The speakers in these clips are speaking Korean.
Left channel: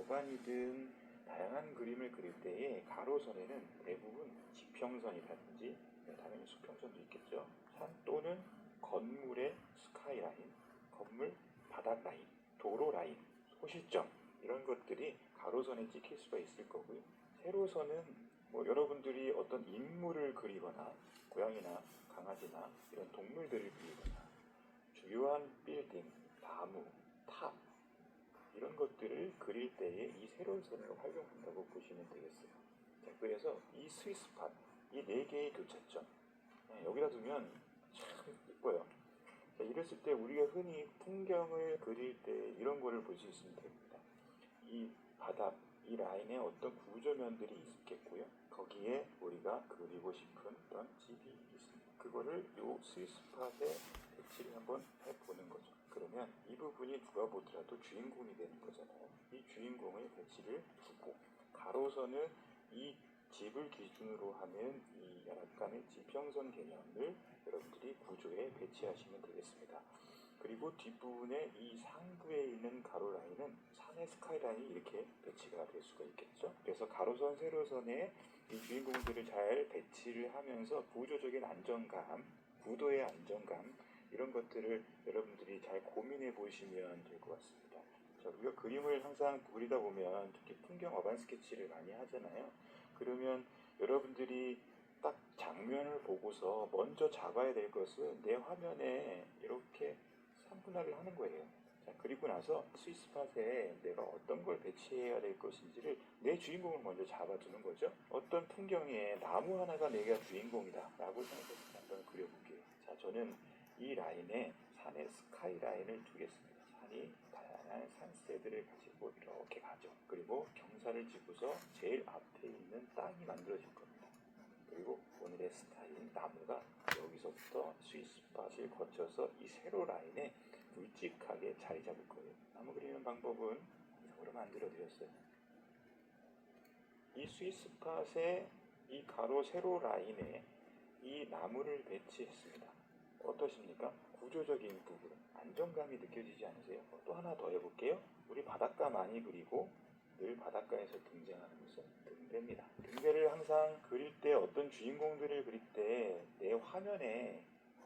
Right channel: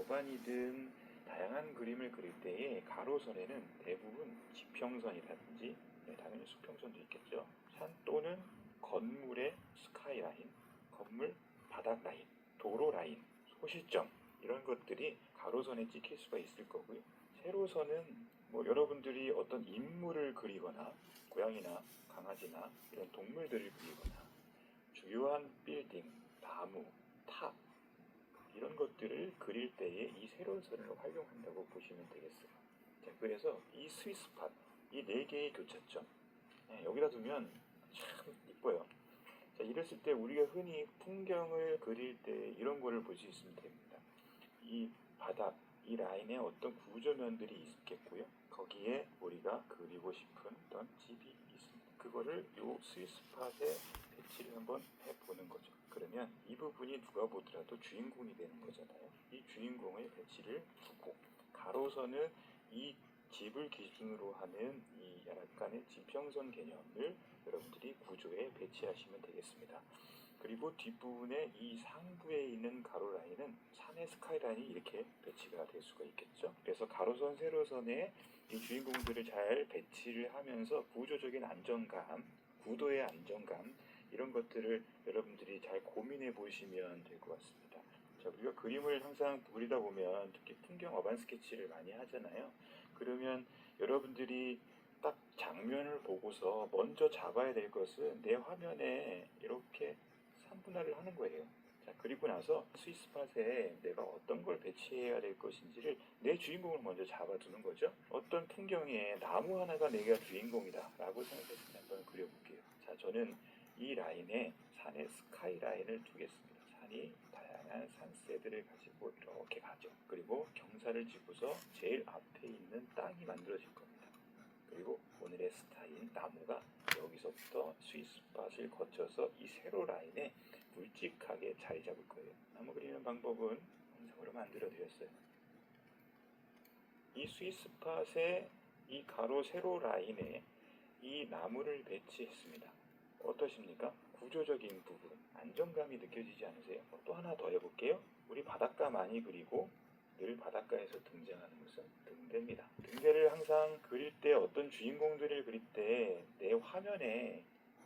어반이든 다양한 그림을 그릴 때에 가로선에는 대부분 지평선이라든지 당연히 수평선도 있겠죠. 산 또는 건물의 스카이라인, 건물 바닥 라인, 도로 라인, 소시점 이런 것들이 가로선에 찍힐 수가 있을 거고요. 세로선은 여러분들이 어떤 인물을 그리거나 고양이나 강아지나 이런 동물들을 그리거나 주요한 빌딩, 나무, 탑 이런 것들을 그릴 때에 이 세로선을 활용한다고 보시면 되겠어요. 자, 그래서 이 스위스팟, 이 네 개의 교차점 여기다 두면 참 이뻐요. 자, 이랬을 때 우리가 흔히 풍경을 그릴 때 이런 거를 볼 수 있으면 됩니다. 이 바닥, 이 라인에 어떤 구조면들이 있겠고요. 거기에 우리가 그리고 싶은 어떤 집이 있습니다. 그거를 이 스위스팟에 배치를 한번 해보는 거죠. 그러면 이 부분이 누가 보더라도 주인공이 되는 거잖아요. 이 주인공의 배치를 두고 가로선은 이 집을 기준으로 하는 이 약간의 지평선 개념을 여러분들이 구조에 배치하시면 되겠습니다. 그리고 뒷부분에 이 상부에 있는 가로 라인은 산의 스카이라인이 이렇게 배치가 될 수가 있겠죠. 그래서 가로선, 세로선에 이 주인공들을 잘 배치를 하면서 구조적인 안정감, 구도의 안정감 이런 것들을 여러분들이 잘 고민해 보시면 될 것 같습니다. 자, 우리가 그림을 항상 그리다 보면 특히 풍경 어반 스케치를 많이 하잖아요. 그러면 여러분들이 딱 장면을 보고서 먼저 잡아야 될 것은 내 화면에 이렇게 3분할을 하는 거예요. 자, 그리고 나서 스위스팟에 내가 어떤 걸 배치해야 될 것인지를 내 주인공을 먼저 잡아두는 거죠. 어떤 풍경에 나무 하나가 내가 주인공이다 라고 생각해서 한번 그려볼게요. 자, 저는 이 라인에 산의 스카이 라인을 두겠습니다. 산이 다양한 산세들을 가지고 이렇게 가죠. 그리고 경사를 지고서 제일 앞에 있는 땅이 만들어질 겁니다. 그리고 오늘의 스타인 나무가 여기서부터 스위스팟을 거쳐서 이 세로 라인에 굵직하게 자리 잡을 거예요. 나무 그리는 방법은 항상으로 만들어 드렸어요. 이 스위스팟의 이 가로 세로 라인에 이 나무를 배치했습니다. 어떠십니까? 구조적인 부분, 안정감이 느껴지지 않으세요? 또 하나 더 해볼게요. 우리 바닷가 많이 그리고 늘 바닷가에서 등장하는 것은 등대입니다. 등대를 항상 그릴 때 어떤 주인공들을 그릴 때 내 화면에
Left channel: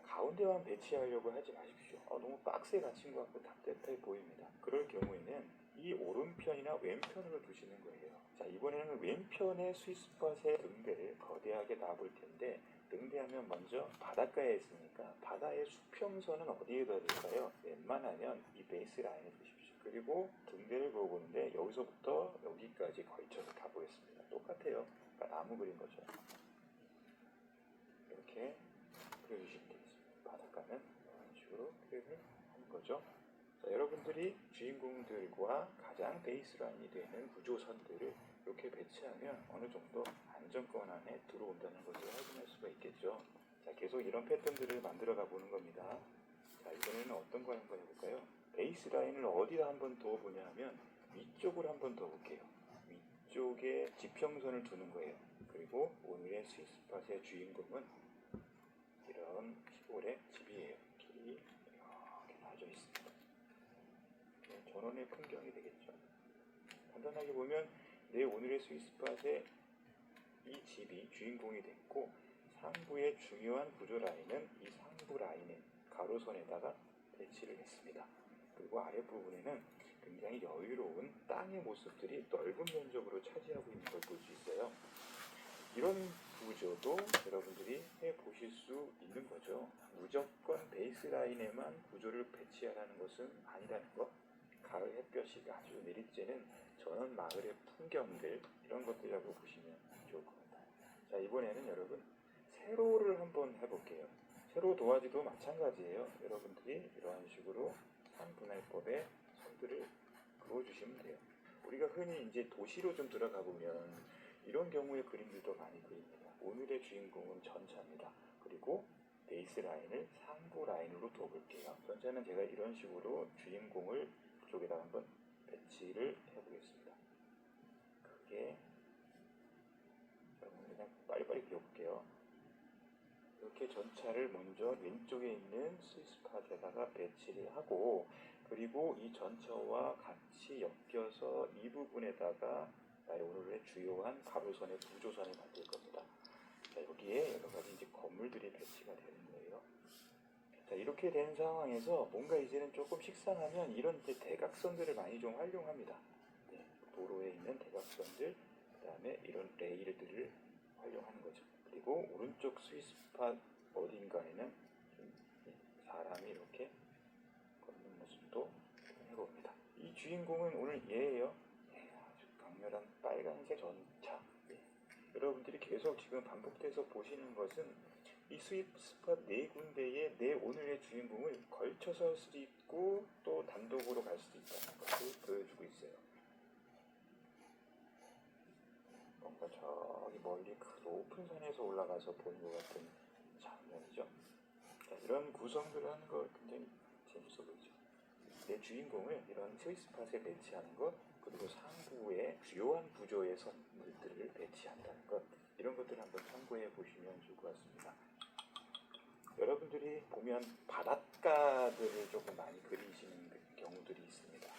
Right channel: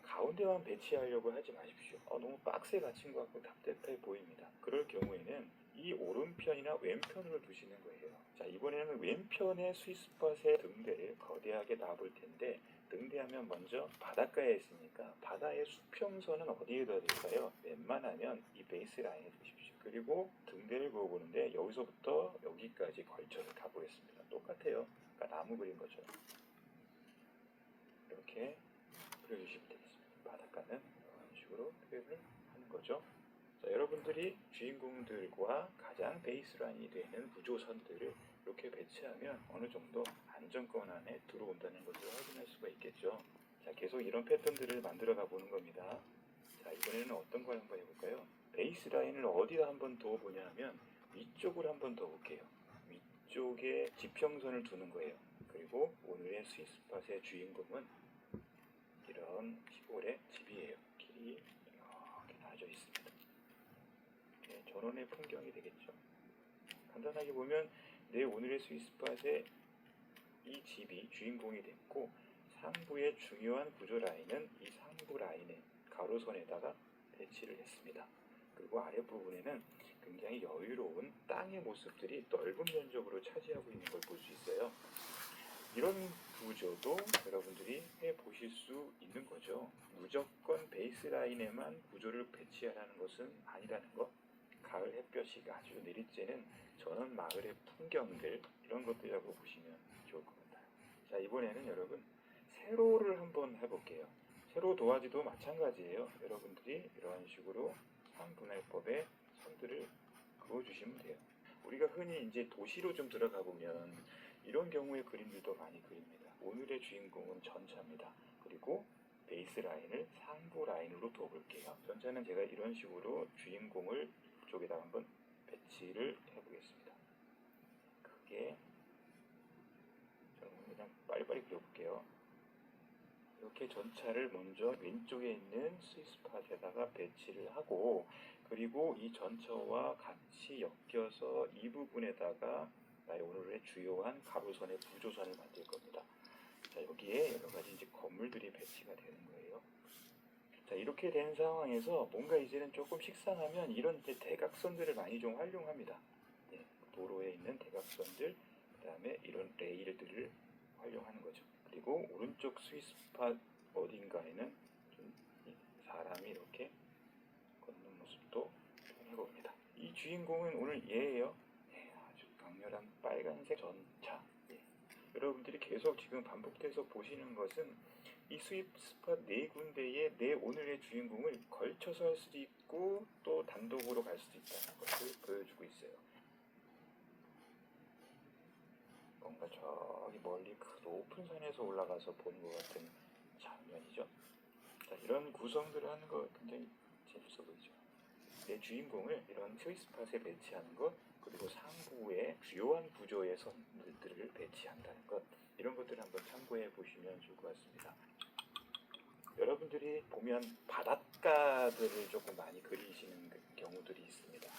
가운데만 배치하려고 하지 마십시오. 너무 박스에 갇힌 것 같고 답답해 보입니다. 그럴 경우에는 이 오른편이나 왼편으로 두시는 거예요. 자, 이번에는 왼편의 스위스팟의 등대를 거대하게 놔볼 텐데 등대하면 먼저 바닷가에 있으니까 바다의 수평선은 어디에 둬야 될까요? 웬만하면 이 베이스 라인에 두십시오. 그리고 등대를 그어보는데 여기서부터 여기까지 걸쳐서 가보겠습니다. 똑같아요. 그러니까 나무 그린 것처럼 이렇게 그려주시면 되겠습니다. 바닷가는 이런 식으로 표현을 하는 거죠. 자, 여러분들이 주인공들과 가장 베이스라인이 되는 구조선들을 이렇게 배치하면 어느 정도 안정권 안에 들어온다는 것을 확인할 수가 있겠죠. 자, 계속 이런 패턴들을 만들어 가보는 겁니다. 자, 이번에는 어떤 걸 한번 해볼까요? 베이스라인을 어디다 한번 더 보냐 하면 위쪽을 한번 더 볼게요. 위쪽에 지평선을 두는 거예요. 그리고 오늘의 스위스팟의 주인공은 이런 시골의 집이에요. 길이 이렇게 나져 있습니다. 전원의 풍경이 되겠죠. 간단하게 보면 내 오늘의 스위스팟에 이 집이 주인공이 됐고 상부의 중요한 구조 라인은 이 상부 라인의 가로선에다가 배치를 했습니다. 그리고 아랫부분에는 굉장히 여유로운 땅의 모습들이 넓은 면적으로 차지하고 있는 걸 볼 수 있어요. 이런 구조도 여러분들이 해보실 수 있는 거죠. 무조건 베이스라인에만 구조를 배치하라는 것은 아니라는 것. 가을 햇볕이 아주 내릴 때는 저는 마을의 풍경들 이런 것들이라고 보시면 좋을 겁니다. 자, 이번에는 여러분 세로를 한번 해볼게요. 세로 도화지도 마찬가지예요. 여러분들이 이런 식으로 산분할법의 선들을 그어주시면 돼요. 우리가 흔히 이제 도시로 좀 들어가 보면 이런 경우의 그림들도 많이 그립니다. 오늘의 주인공은 전차입니다. 그리고 베이스 라인을 상부 라인으로 둬볼게요. 전차는 제가 이런 식으로 주인공을 쪽에다 한번 배치를 해보겠습니다. 크게 그냥 빨리빨리 그려볼게요. 이렇게 전차를 먼저 왼쪽에 있는 스위스팟에다가 배치를 하고 그리고 이 전처와 같이 엮여서 이 부분에다가 오늘의 주요한 가로선의 부조선을 만들 겁니다. 자, 여기에 여러 가지 이제 건물들이 배치가 되는 거예요. 자, 이렇게 된 상황에서 뭔가 이제는 조금 식상하면 이런 이제 대각선들을 많이 좀 활용합니다. 네, 도로에 있는 대각선들, 그 다음에 이런 레일들을 활용하는 거죠. 그리고 오른쪽 스위스팟 어딘가에는 좀 사람이 이렇게 걷는 모습도 해봅니다. 이 주인공은 오늘 얘예요. 네, 아주 강렬한 빨간색 전차. 네. 여러분들이 계속 지금 반복돼서 보시는 것은 이 스위스팟 네 군데의 내 오늘의 주인공을 걸쳐서 할 수도 있고 또 단독으로 갈 수도 있다는 것을 보여주고 있어요. 뭔가 저기 멀리 그 높은 산에서 올라가서 보는 것 같은 장면이죠. 자, 이런 구성들을 하는 거 굉장히 재밌어 보이죠. 내 주인공을 이런 스위스팟에 배치하는 것, 그리고 상부에 주요한 구조의 선들을 배치한다는 것, 이런 것들을 한번 참고해 보시면 좋을 것 같습니다. 여러분들이 보면 바닷가들을 조금 많이 그리시는 경우들이 있습니다.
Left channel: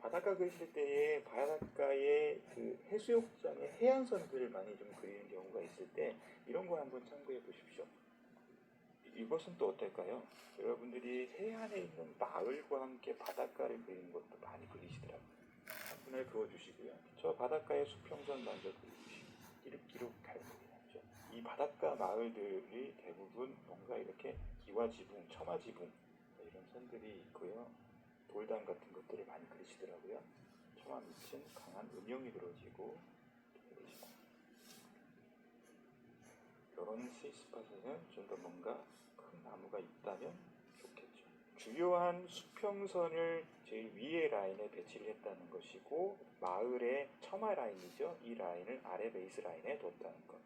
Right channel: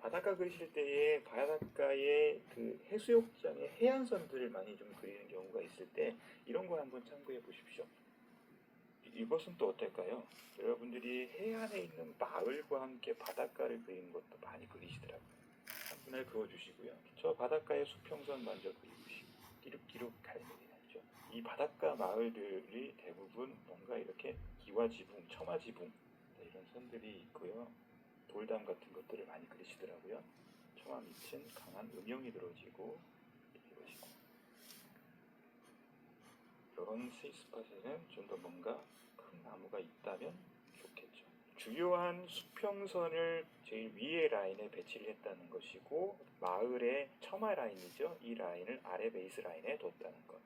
바닷가 그리실 때에 바닷가의 그 해수욕장의 해안선들을 많이 좀 그리는 경우가 있을 때 이런 거 한번 참고해 보십시오. 이것은 또 어떨까요? 여러분들이 해안에 있는 마을과 함께 바닷가를 그리는 것도 많이 그리시더라고요. 한 분을 그어주시고요. 저 바닷가의 수평선 먼저 그려주시고 끼룩끼룩 갈매기 나죠. 이 바닷가 마을들이 대부분 뭔가 이렇게 기와지붕, 처마지붕 이런 선들이 있고요. 돌담 같은 것들을 많이 그리시더라고요. 처마 밑은 강한 음영이 들어지고 이러시고 이런 스위스팟에는 좀 더 뭔가 큰 나무가 있다면 좋겠죠. 주요한 수평선을 제일 위에 라인에 배치를 했다는 것이고 마을의 처마 라인이죠. 이 라인을 아래 베이스 라인에 뒀다는 것.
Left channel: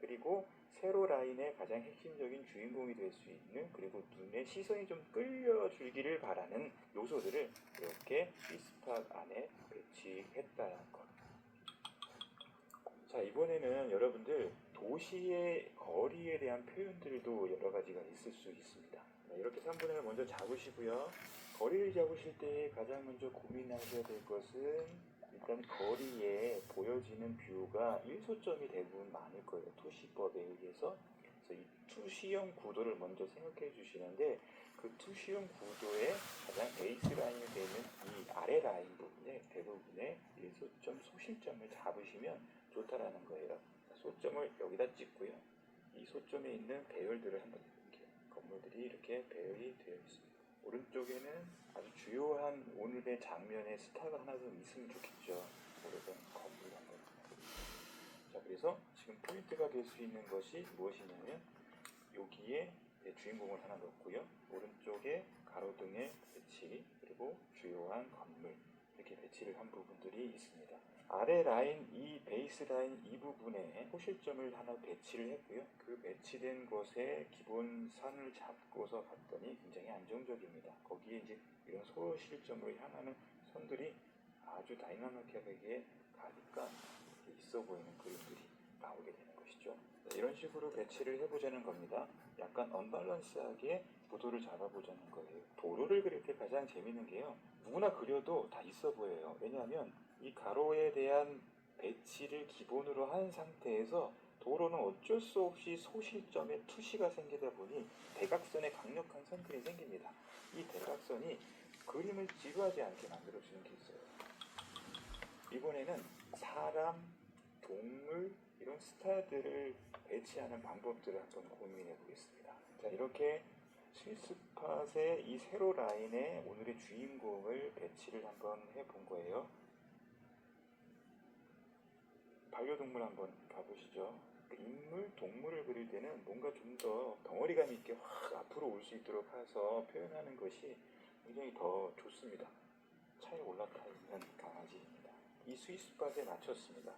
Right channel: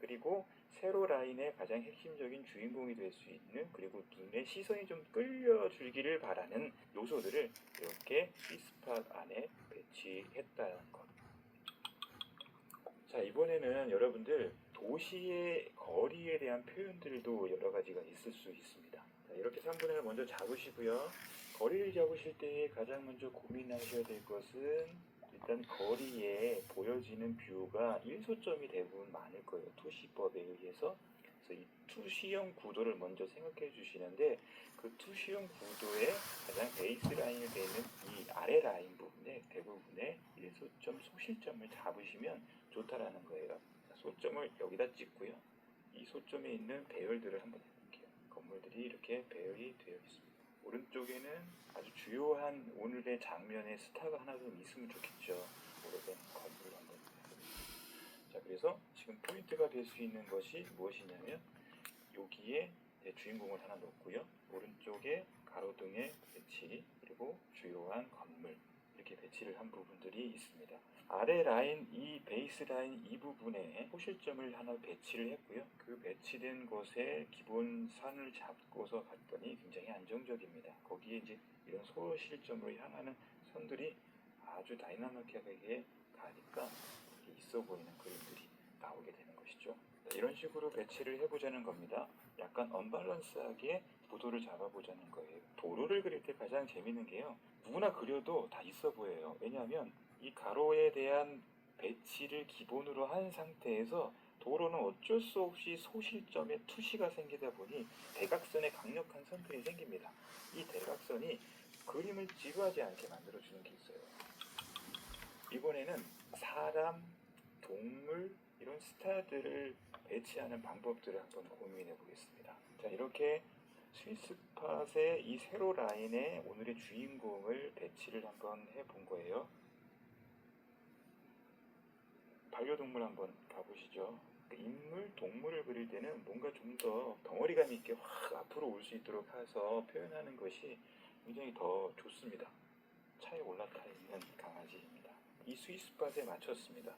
그리고 세로 라인의 가장 핵심적인 주인공이 될 수 있는 그리고 눈의 시선이 좀 끌려주기를 바라는 요소들을 이렇게 스위스팟 안에 배치했다는 것. 자, 이번에는 여러분들 도시의 거리에 대한 표현들도 여러 가지가 있을 수 있습니다. 자, 이렇게 3분을 먼저 잡으시고요. 거리를 잡으실 때 가장 먼저 고민하셔야 될 것은 일단 거리에 보여지는 뷰가 일소점이 대부분 많을 거예요. 투시법에 의해서. 그래서 이 투시형 구도를 먼저 생각해 주시는데 그 투시형 구도의 가장 베이스 라인이 되는 이 아래 라인 부분에 대부분의 일소점 소실점을 잡으시면 좋다라는 거예요. 소점을 여기다 찍고요. 이 소점에 있는 배열들을 한번 해볼게요. 건물들이 이렇게 배열이 되어 있습니다. 오른쪽에는 아주 주요한 오늘의 장면의 스타가 하나 좀 있으면 좋겠죠. 오래된 건물 한번 해보겠습니다. 자, 그래서 지금 포인트가 될 수 있는 것이 무엇이냐면 여기에 주인공을 하나 놓고요. 오른쪽에 가로등의 배치 그리고 주요한 건물 이렇게 배치를 한 부분들이 있습니다. 아래 라인 이 베이스 라인 이 부분에 호실점을 하나 배치를 했고요. 그 배치된 곳에 기본 산을 잡고서 갔더니 굉장히 안정적입니다. 거기에 이제 이런 소실점으로 향하는 선들이 아주 다이나믹하게 가니까 있어 보이는 그림들이 나오게 되는 것이죠. 이런 식으로 배치를 해보자는 겁니다. 약간 언밸런스하게 구도를 잡아보자는 거예요. 도로를 그릴 때 가장 재밌는 게요. 누구나 그려도 다 있어 보여요. 왜냐하면 이 가로에 대한 배치를 기본으로 한 상태에서 도로는 어쩔 수 없이 소실점에 투시가 생기다 보니 대각선에 강력한 선들이 생깁니다. 이 대각선이 그림을 지루하지 않게 만들어주는 게 있어요. 이번에는 사람, 동물 이런 스타들을 배치하는 방법들을 한번 고민해 보겠습니다. 자, 이렇게 스위스팟의 이 세로 라인에 오늘의 주인공을 배치를 한번 해본 거예요. 반려동물 한번 봐보시죠. 인물, 동물을 그릴 때는 뭔가 좀 더 덩어리감 있게 확 앞으로 올 수 있도록 해서 표현하는 것이 굉장히 더 좋습니다. 차에 올라타 있는 강아지입니다. 이 스위스팟에 맞췄습니다.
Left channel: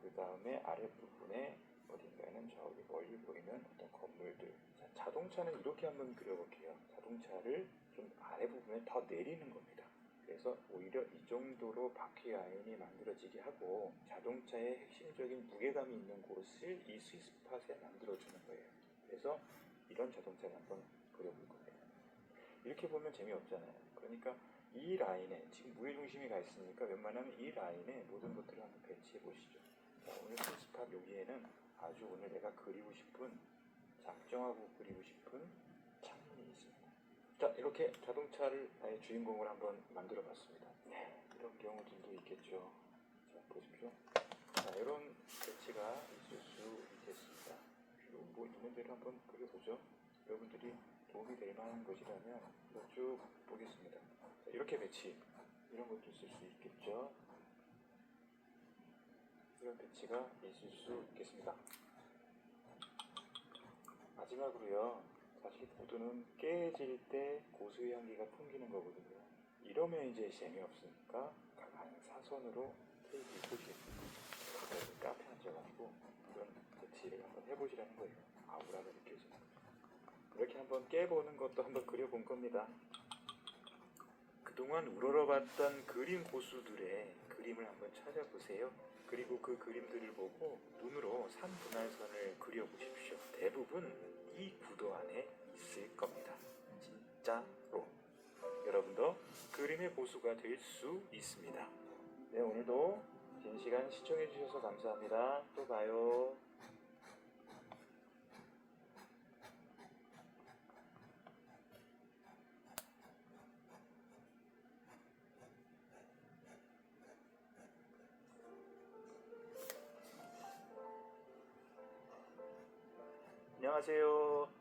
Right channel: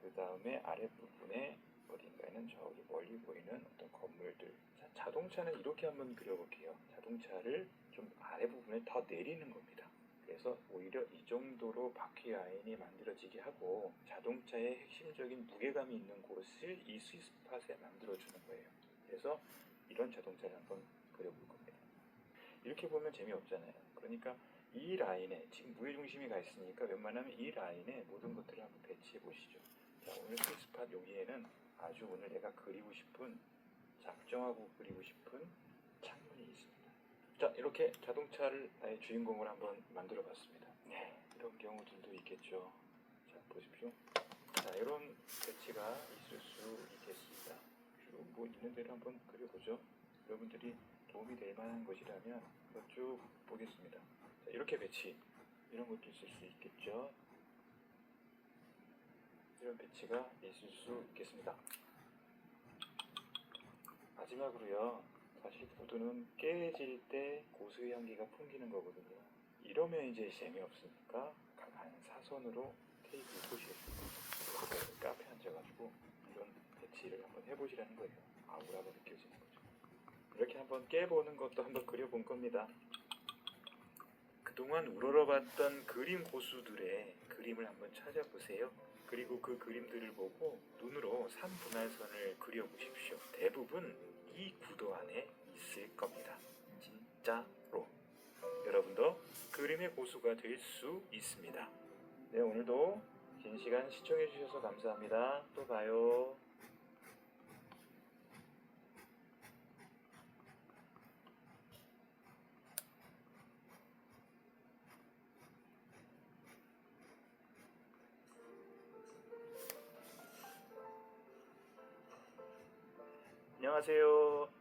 그 다음에 아랫부분에 어딘가에는 저기 멀리 보이는 어떤 건물들. 자, 자동차는 이렇게 한번 그려볼게요. 자동차를 좀 아랫부분에 더 내리는 겁니다. 그래서 오히려 이 정도로 바퀴 라인이 만들어지게 하고 자동차의 핵심적인 무게감이 있는 곳을 이 스위스팟에 만들어주는 거예요. 그래서 이런 자동차를 한번 그려볼 겁니다. 이렇게 보면 재미없잖아요. 그러니까 이 라인에 지금 무게중심이 가 있으니까 웬만하면 이 라인에 모든 것들을 한번 배치해 보시죠. 자, 오늘 스팟 여기에는 아주 오늘 내가 그리고 싶은, 작정하고 그리고 싶은 창문이 있습니다. 자, 이렇게 자동차를 나의 주인공을 한번 만들어 봤습니다. 네, 이런 경우들도 있겠죠. 자, 보십시오. 자, 이런 배치가 있을 수 있겠습니다. 쭉 뭐 있는 대로 한번 그려보죠. 여러분들이 도움이 될 만한 것이라면 쭉 보겠습니다. 자, 이렇게 배치, 이런 것도 있을 수 있겠죠. 이런 배치가 있을 수 있겠습니다. 마지막으로요, 사실 구두는 깨질 때 고수의 향기가 풍기는 거거든요. 이러면 이제 재미없으니까 각 한 사선으로 테이블 꽂이겠습니다. 카페 앉아가지고 이런 배치를 한번 해보시라는 거예요. 아우라가 느껴지는 거죠. 이렇게 한번 깨보는 것도 한번 그려본 겁니다. 그동안 우러러봤던 그림 고수들의 그림을 한번 찾아보세요. 그리고 그 그림들을 보고 눈으로 3분할선을 그려보십시오. 대부분 이 구도 안에 있을 겁니다. 진짜로. 여러분도 그림의 고수가 될 수 있습니다. 네, 오늘도 긴 시간 시청해주셔서 감사합니다. 또 봐요.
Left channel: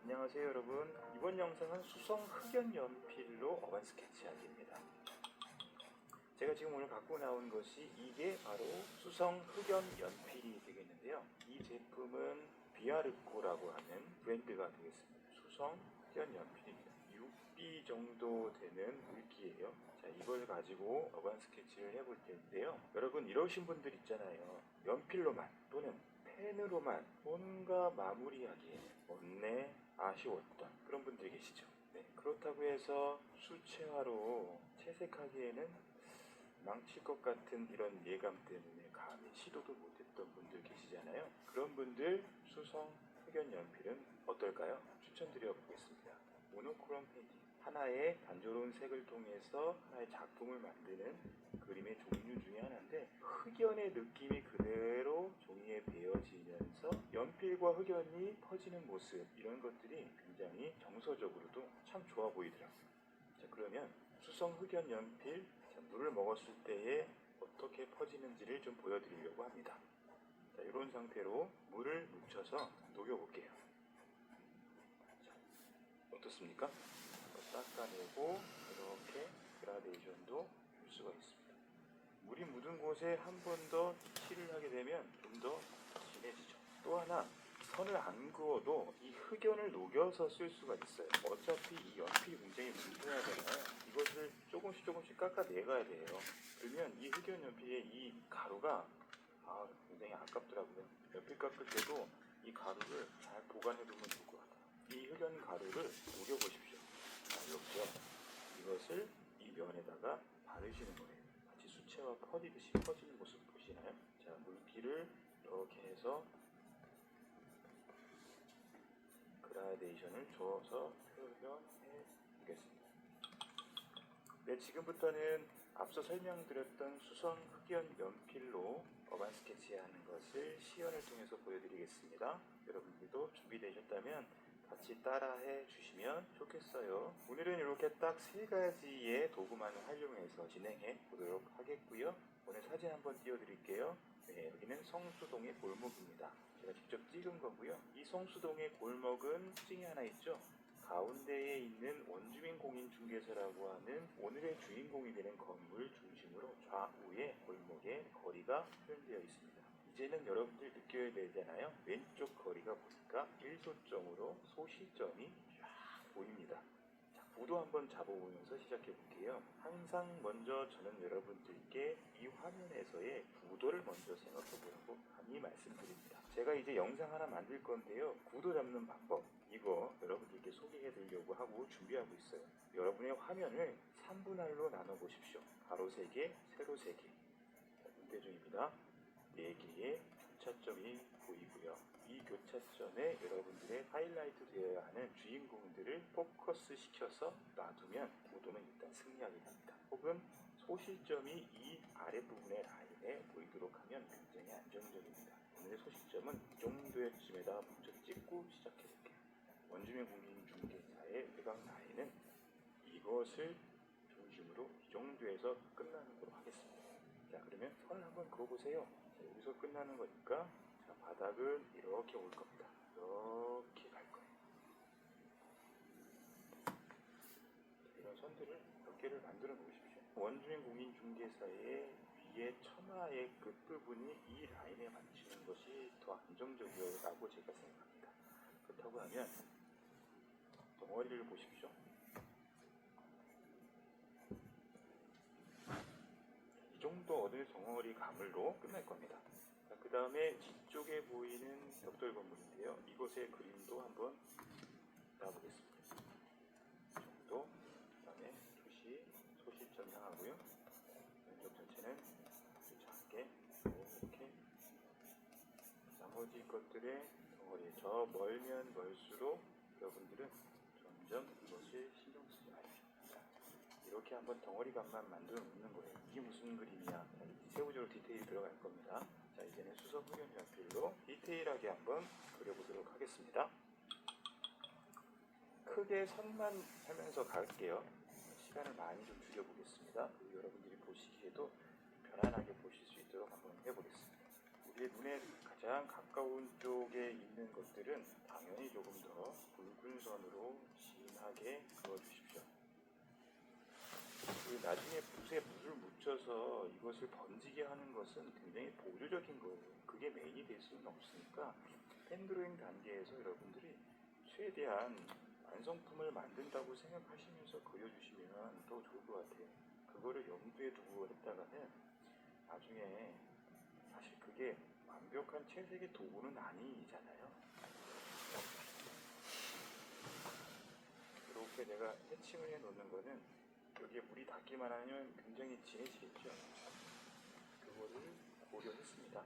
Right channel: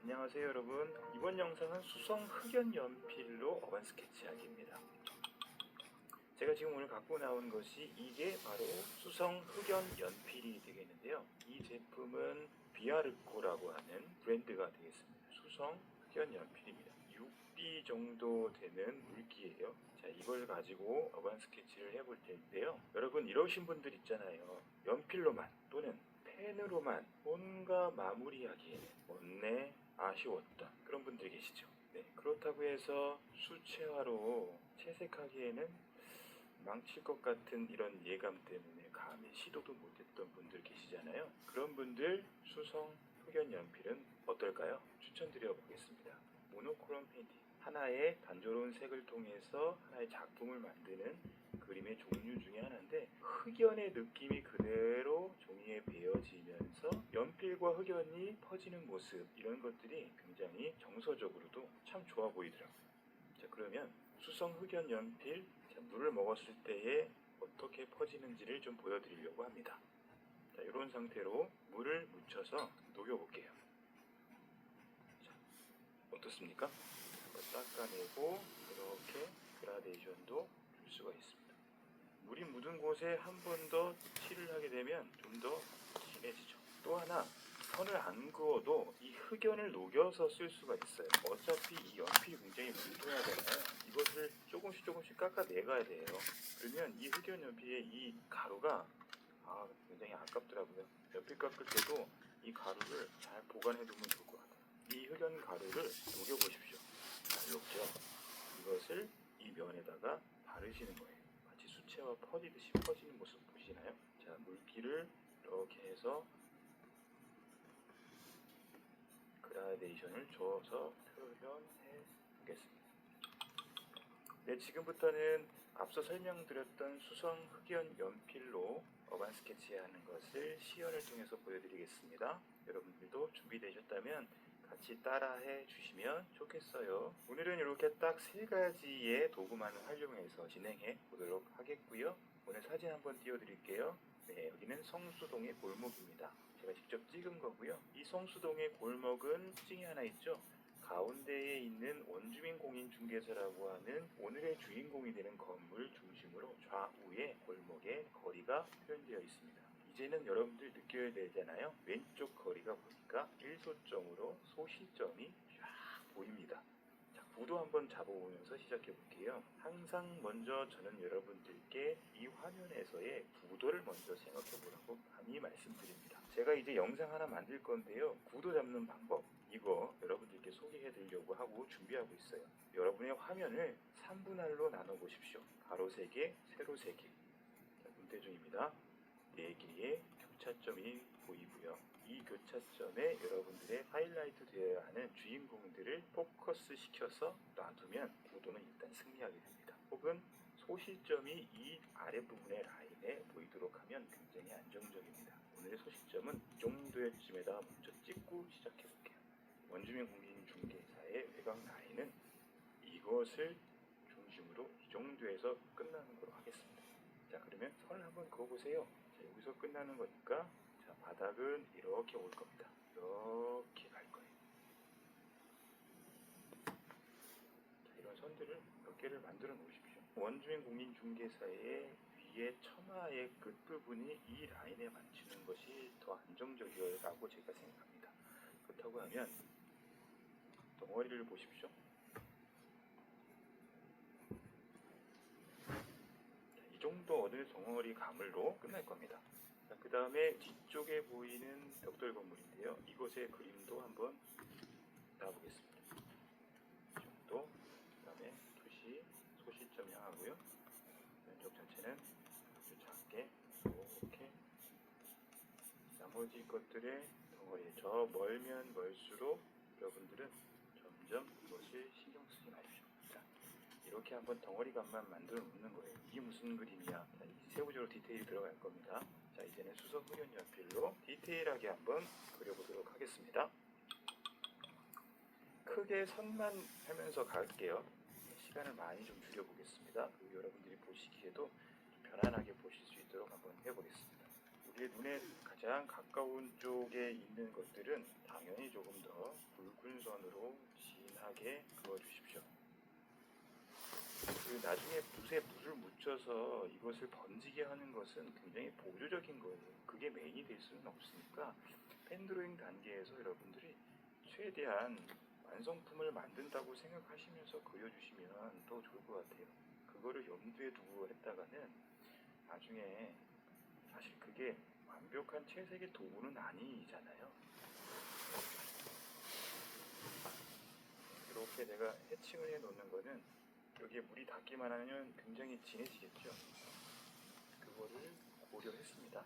안녕하세요 여러분. 이번 영상은 수성 흑연 연필로 어반 스케치하기입니다. 제가 지금 오늘 갖고 나온 것이 이게 바로 수성 흑연 연필이 되겠는데요. 이 제품은 비아르코라고 하는 브랜드가 되겠습니다. 수성 흑연 연필입니다. 6B 정도 되는 물기예요. 자, 이걸 가지고 어반 스케치를 해볼 텐데요. 여러분 이러신 분들 있잖아요. 연필로만 또는 펜으로만 뭔가 마무리하기에 원래 아쉬웠던 그런 분들 계시죠. 네, 그렇다고 해서 수채화로 채색하기에는 망칠 것 같은 이런 예감 때문에 감히 시도도 못했던 분들 계시잖아요. 그런 분들 수성 흑연 연필은 어떨까요? 추천드려 보겠습니다. 모노크롬 페인팅, 하나의 단조로운 색을 통해서 하나의 작품을 만드는 그림의 종류 중에 하나인데, 흑연의 느낌이 그대로 종이에 배어지면서 연필과 흑연이 퍼지는 모습, 이런 것들이 굉장히 정서적으로도 참 좋아 보이더라고요. 자, 그러면 수성 흑연 연필, 자, 물을 먹었을 때에 어떻게 퍼지는지를 좀 보여드리려고 합니다. 자, 이런 상태로 물을 묻혀서 녹여볼게요. 자, 어떻습니까? 닦아내고 이렇게 그라데이션도 줄 수가 있습니다. 물이 묻은 곳에 한 번 더 칠을 하게 되면 좀 더 진해지죠. 또 하나, 선을 안 그어도 이 흑연을 녹여서 쓸 수가 있어요. 어차피 이 연필이 굉장히 뭉뚱하잖아요. 이것을 조금씩 깎아내가야 돼요. 그러면 이 흑연 연필의 이 가루가 굉장히 아깝더라고요. 연필 깎을 때도 이 가루를 잘 보관해두면 좋을 것 같아요. 이 흑연 가루를 녹여보십시오. 자, 이렇게요. 이것을 이 면에다가 바르시는 거예요. 마치 수채화 퍼지듯이 퍼지는 모습 보시나요? 자, 물기를 이렇게 해서 그라데이션을 줘서 표현해 보겠습니다. 네, 지금부터는 앞서 설명드렸던 수성 흑연 연필로 어반 스케치하는 것을 시연을 통해서 보여드리겠습니다. 여러분들도 준비되셨다면 같이 따라해 주시면 좋겠어요. 오늘은 이렇게 딱 3가지의 도구만을 활용해서 진행해 보도록 하겠고요. 오늘 사진 한번 띄워드릴게요. 네, 여기는 성수동의 골목입니다. 제가 직접 찍은 거고요. 이 성수동의 골목은 특징이 하나 있죠. 가운데에 있는 원주민 공인중개소라고 하는 오늘의 주인공이 되는 건물 중심으로 좌우의 골목에 거리가 표현되어 있습니다. 이제는 여러분들 느껴야 되잖아요. 왼쪽 거리가 보니까 일소점으로 소시점이 쫙 보입니다. 자, 구도 한번 잡아보면서 시작해 볼게요. 항상 먼저 저는 여러분들께 이 화면에서의 구도를 먼저 생각해 보라고 감히 말씀드립니다. 제가 이제 영상 하나 만들 건데요. 구도 잡는 방법, 이거 여러분들께 소개해 드리려고 하고 준비하고 있어요. 여러분의 화면을 3분할로 나눠 보십시오. 가로 3개, 세로 3개. 문제 중입니다. 4개의 교차점이 보이고요. 이 교차점에 여러분들의 하이라이트 되어야 하는 주인공들을 포커스 시켜서 놔두면 구도는 일단 승리하게 됩니다. 혹은 소실점이 이 아랫부분의 라인에 보이도록 하면 굉장히 안정적입니다. 오늘의 소실점은 이 정도쯤에다 먼저 찍고 시작해볼게요. 원주민 공인중개사의 외곽 라인은 이것을 중심으로 이 정도에서 끝나는 걸로 하겠습니다. 자, 그러면 선을 한번 그어보세요. 자, 여기서 끝나는 거니까 자, 바닥은 이렇게 올 겁니다. 이렇게 갈 거예요. 자, 이런 선들을 몇 개를 만들어 놓으십시오. 원주민 공인중개사의 위에 처마의 끝부분이 이 라인에 맞추는 것이 더 안정적이라고 제가 생각합니다. 그렇다고 하면 덩어리를 보십시오. 이 정도 어느 덩어리 가물로 끝날 겁니다. 그 다음에 뒤쪽에 보이는 벽돌 건물인데요. 이곳의 그림도 한번 따보겠습니다. 이 정도, 그 다음에 투시, 소실점 향하고요. 왼쪽 전체는 아주 작게 이렇게 나머지 것들의 덩어리, 저 멀면 멀수록 여러분들은 점점 이것을 신경 쓰지 마십시오. 자, 이렇게 한번 덩어리감만 만들어 놓는 거예요. 이게 무슨 그림이야? 자, 세부적으로 디테일이 들어갈 겁니다. 자, 이제는 수석 흑연 연필로 디테일하게 한번 그려보도록 하겠습니다. 크게 선만 하면서 갈게요. 시간을 많이 좀 줄여보겠습니다. 여러분들이 보시기에도 편안하게 보실 수 있도록 한번 해보겠습니다. 우리의 눈에 가장 가까운 쪽에 있는 것들은 당연히 조금 더 굵은 선으로 진하게 그어주십시오. 나중에 붓에 물을 묻혀서 이것을 번지게 하는 것은 굉장히 보조적인 거예요. 그게 메인이 될 수는 없으니까 펜드로잉 단계에서 여러분들이 최대한 완성품을 만든다고 생각하시면서 그려주시면 더 좋을 것 같아요. 그거를 염두에 두고 했다가는 나중에 사실 그게 완벽한 채색의 도구는 아니잖아요. 이렇게 내가 해칭을 해 놓는 거는 여기에 물이 닿기만 하면 굉장히 진해지겠죠. 그거를 고려했습니다.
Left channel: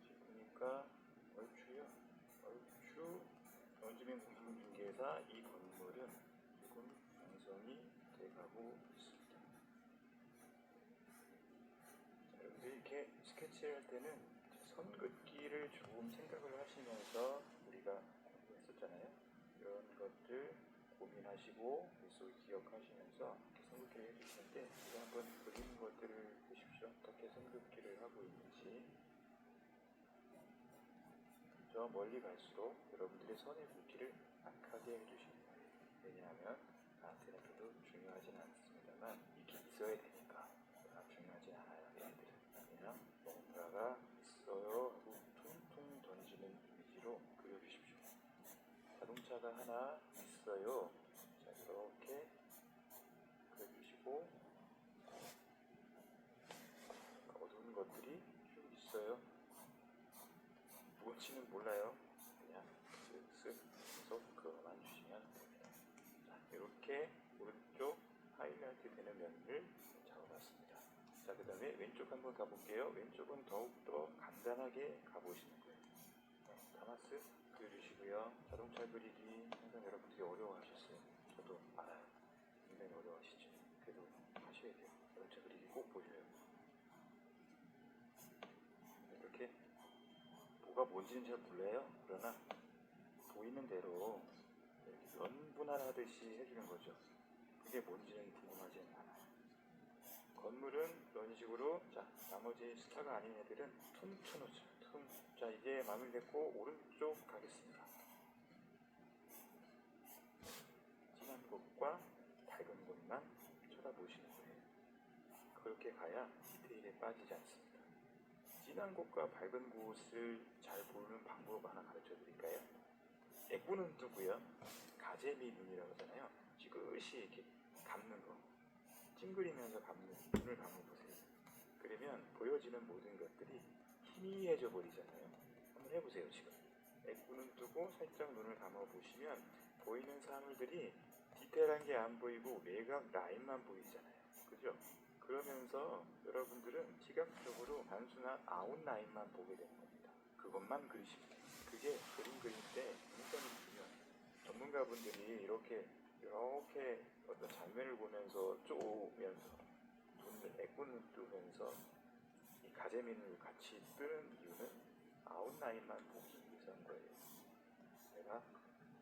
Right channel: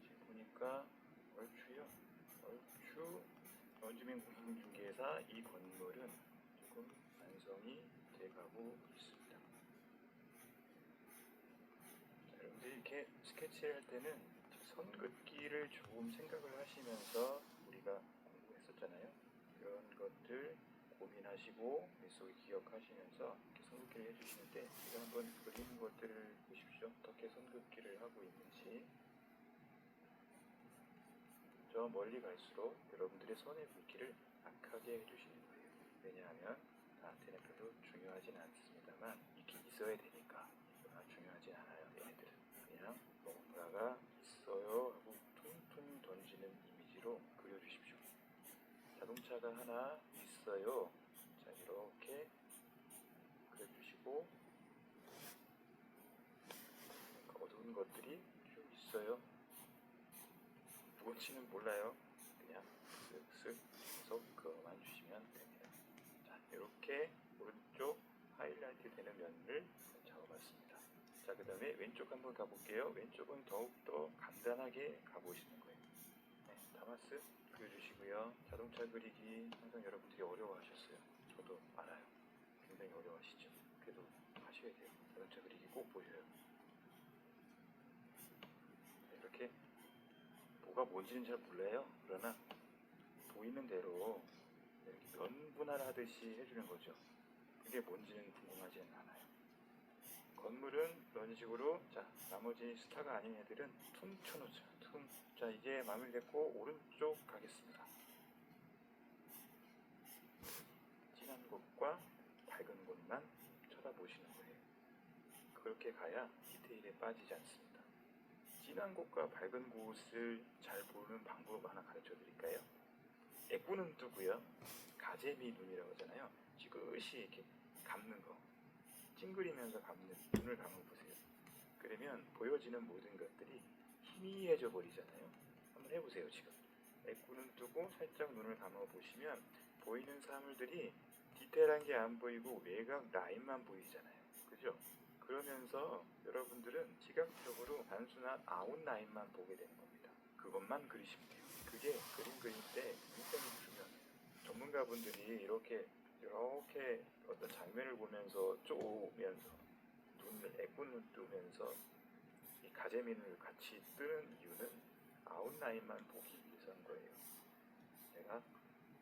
지금 보니까 얼추요. 얼추 원주민 공인중개사 이 건물은 조금 완성이 돼가고 있습니다. 자, 여러분들 이렇게 스케치할 때는 선 긋기를 조금 생각을 하시면서 우리가 공부했었잖아요. 이런 것들 고민하시고 머릿속에 기억하시면서 이렇게 선긋기를 해주실 때 우리 한번 그리는 것들을 보십시오. 어떻게 선긋기를 하고 있는지. 저 멀리 갈수록 여러분들의 선의 굵기를 약하게 해주시는 거예요. 왜냐하면 나한테는 별로 중요하진 않습니다만 이게 있어야 되니까 중요하진 않아요. 얘네들은 그냥 뭔가가 있어요 하고 퉁퉁 던지는 이미지로 그려주십시오. 자동차가 하나 있어요. 자, 이렇게 그려주시고 어두운 것들이 쭉 있어요. 무엇인지는 몰라요. 그냥 쓱쓱 해서 그어만 주시면 됩니다. 자, 이렇게 오른쪽 하이라이트 되는 면을 잡아봤습니다. 자, 그 다음에 왼쪽 한번 가볼게요. 왼쪽은 더욱더 간단하게 가보시는 거예요. 네, 다마스 그려주시고요. 자동차 그리기 항상 여러분들이 어려워하셨어요. 저도 알아요. 굉장히 어려워하시죠. 그래도 하셔야 돼요. 자동차 그리기 꼭 보셔요. 이렇게 뭐가 뭔지는 잘 몰라요. 그러나 보이는 대로 이렇게 면분할하듯이 해주는 거죠. 그게 뭔지는 궁금하지 않아요. 건물은 이런 식으로, 자, 나머지 스타가 아닌 애들은 퉁쳐놓죠. 자, 이제 마무리됐고 오른쪽 가겠습니다. 진한 곳과 밝은 곳만 쳐다보시는 거예요. 그렇게 가야 디테일에 빠지지 않습니다. 진한 곳과 밝은 곳을 잘 보는 방법 하나 가르쳐 드릴까요? 예쁘는 뜨고요. 가재미 눈이라고 하잖아요. 지그시 이렇게 감는 거. 찡그리면서 감는 눈을 감아보세요. 그러면 보여지는 모든 것들이 희미해져 버리잖아요. 한번 해보세요. 지금 애꾸는 뜨고 살짝 눈을 감아보시면 보이는 사물들이 디테일한 게 안 보이고 외곽 라인만 보이잖아요. 그죠? 그러면서 여러분들은 시각적으로 단순한 아웃라인만 보게 되는 겁니다. 그것만 그리시면 돼요. 그게 그림 그릴 때 굉장히 중요해요. 전문가분들이 이렇게 어떤 장면을 보면서 쪼으면서 눈을 애꾸는 뜨면서 이 가재민을 같이 뜨는 이유는 아웃라인만 보기 위해서인 거예요. 내가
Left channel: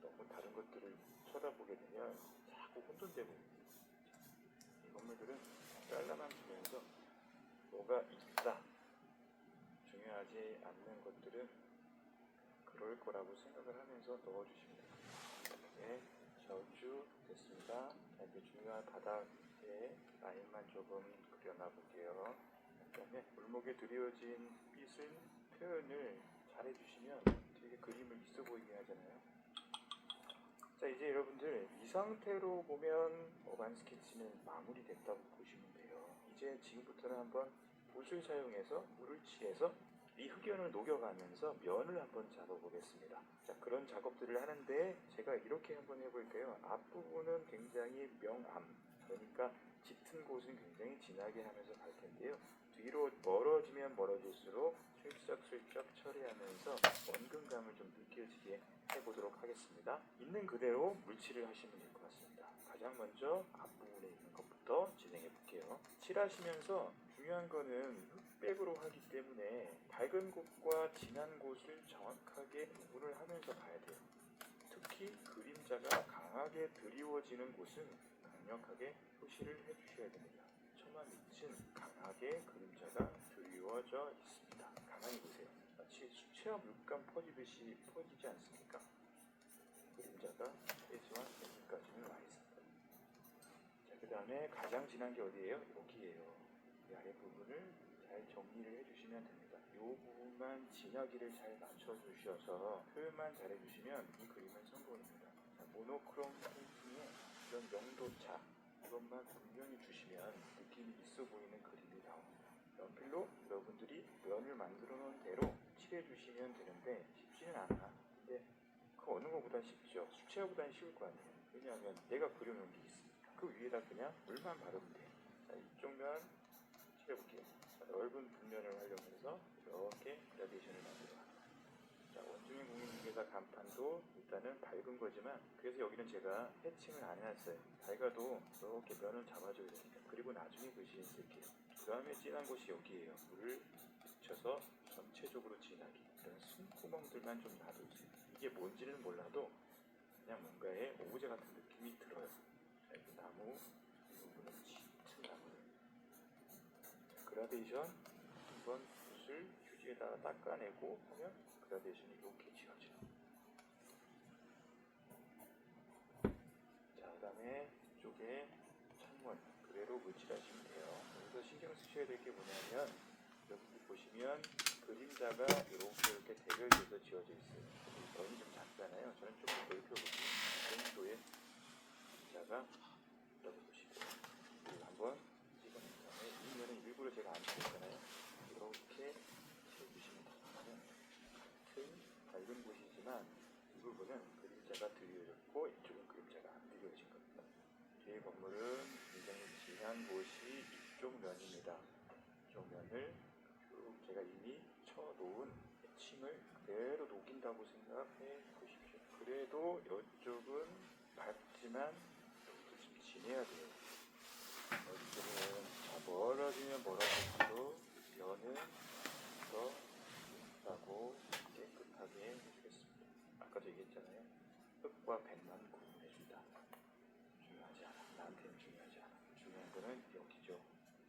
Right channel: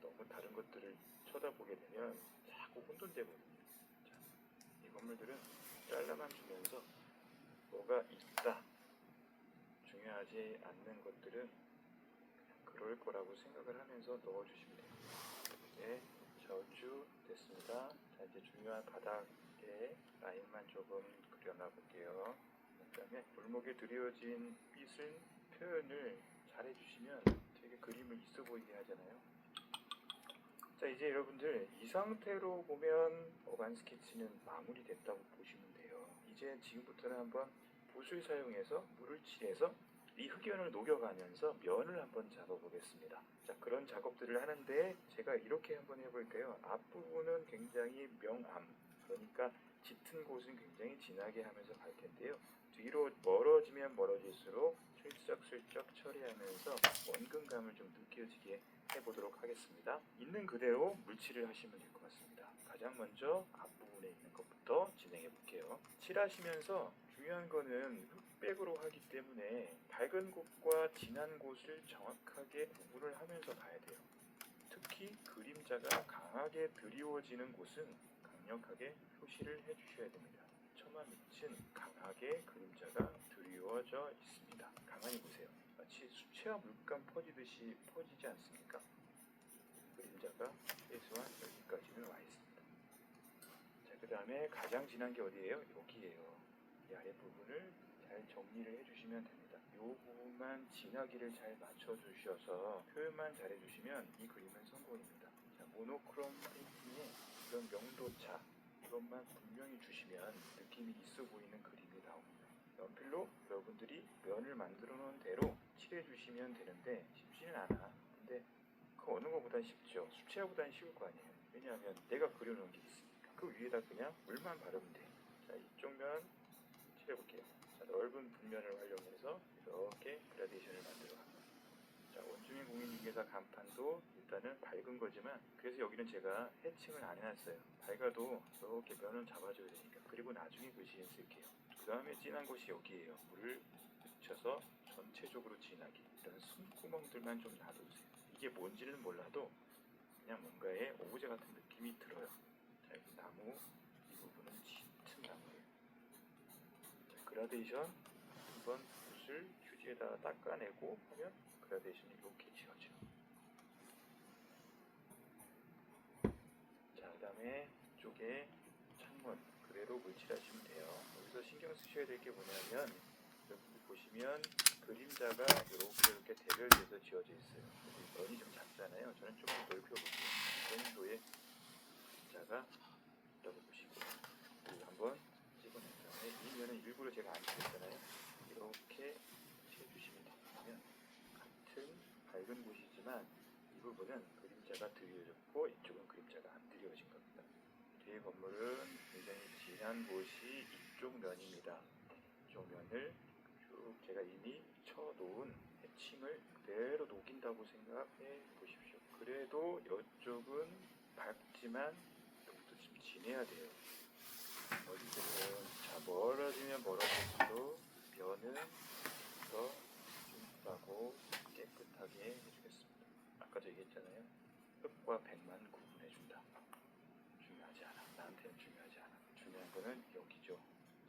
너무 다른 것들을 쳐다보게 되면 자꾸 혼돈되거든요. 이 건물들은 잘라만 주면서 뭐가 있다, 중요하지 않는 것들은 그럴 거라고 생각을 하면서 넣어주시면 됩니다. 네, 저주 됐습니다. 자, 이제 중요한 바닥에 라인만 조금 그려놔 볼게요. 그 다음에 골목에 드리워진 빛을 표현을 잘 해주시면 되게 그림을 있어 보이게 하잖아요. 자, 이제 여러분들 이 상태로 보면 어반 스케치는 마무리됐다고 보시면 돼요. 이제 지금부터는 한번 붓을 사용해서 물을 칠해서 이 흑연을 녹여가면서 면을 한번 잡아보겠습니다. 자, 그런 작업들을 하는데 제가 이렇게 한번 해볼게요. 앞부분은 굉장히 명암, 그러니까 짙은 곳은 굉장히 진하게 하면서 갈 텐데요. 뒤로 멀어지면 멀어질수록 슬쩍슬쩍 처리하면서 원근감을 좀 느껴지게 해보도록 하겠습니다. 있는 그대로 물칠을 하시면 될 것 같습니다. 가장 먼저 앞부분에 있는 것부터 진행해 볼게요. 칠하시면서 중요한 거는 흑백으로 하기 때문에 밝은 곳과 진한 곳을 정확하게 구분을 하면서 가야 돼요. 특히 그림자가 강하게 드리워지는 곳은 강력하게 표시를 해주셔야 됩니다. 처마 밑은 강하게 그림자가 드리워져 있습니다. 가만히 보세요. 마치 수채화 물감 퍼지듯이 퍼지지 않습니까? 그림자가 최소한 여기까지는 와 있습니다. 자, 그 다음에 가장 진한 게 어디예요? 여기예요. 이 아랫부분을 잘 정리를 해주시면 됩니다. 이 부분만 진하기를 잘 맞춰주셔서 표현만 잘 해주시면 이 그림은 성공입니다. 자, 모노크롬 페인팅에 이런 명도차 이것만 분명히 주시면 느낌이 있어 보이는 그림이 나옵니다. 연필로 여러분들이 면을 만들어 놓은 대로 칠해주시면 되는데 쉽지는 않아. 근데 그 어느 것보단 쉽죠. 수채화보단 쉬울 거 아니에요. 왜냐하면 내가 그려놓은 게 있으니까. 그 위에다 그냥 물만 바르면 돼. 자, 이쪽 면 칠해볼게요. 자, 넓은 분면을 활용해서 이렇게 그라데이션을 만들어갑니다. 자, 원주민 공인중개사 간판도 일단은 밝은 거지만 그래서 여기는 제가 해칭을 안 해놨어요. 밝아도 이렇게 면을 잡아줘야 되니까. 그리고 나중에 글씨를 쓸게요. 그 다음에 진한 곳이 여기에요. 물을 묻혀서 전체적으로 진하게 이런 숨구멍들만 좀 놔두세요. 이게 뭔지는 몰라도 그냥 뭔가의 오브제 같은 느낌이 들어요. 자, 이 나무 이 부분은 짙은 나무예요. 자, 그라데이션 한번 붓을 휴지에다가 닦아내고 하면 그라데이션이 이렇게 지어져. 자, 그 다음에 이쪽에 창문 그대로 물칠하시면 돼요. 여기서 신경 쓰셔야 될 게 뭐냐면 여기 보시면 그림자가 이렇게 대별돼서 지어져 있어요. 면이 좀 작잖아요. 저는 좀 더 넓혀볼게요. 이 정도의 그림자가 넓어보시고 그리고 한번 찍어낸 다음에 이 면은 일부러 제가 안 칠했잖아요. 이렇게 칠해주시면 됩니다. 같은 밝은 곳이지만 이 부분은 그림자가 드리워졌고 이쪽은 그림자가 안 드리워진 겁니다. 뒤에 건물은 굉장히 진한 곳이 이쪽 면입니다. 이쪽 면을 쭉 제가 이미 쳐놓은 해칭을 그대로 녹인다고 생각해 보십시오. 그래도 이쪽은 밝지만 여기도 좀 진해야 돼요. 여기들은 자, 멀어지면 멀어질수록 면은 더 윤하고 깨끗하게 해주겠습니다. 아까도 얘기했잖아요. 흙과 백만 구분해준다. 중요하지 않아. 나한테는 중요하지 않아. 중요한 거는 여기죠.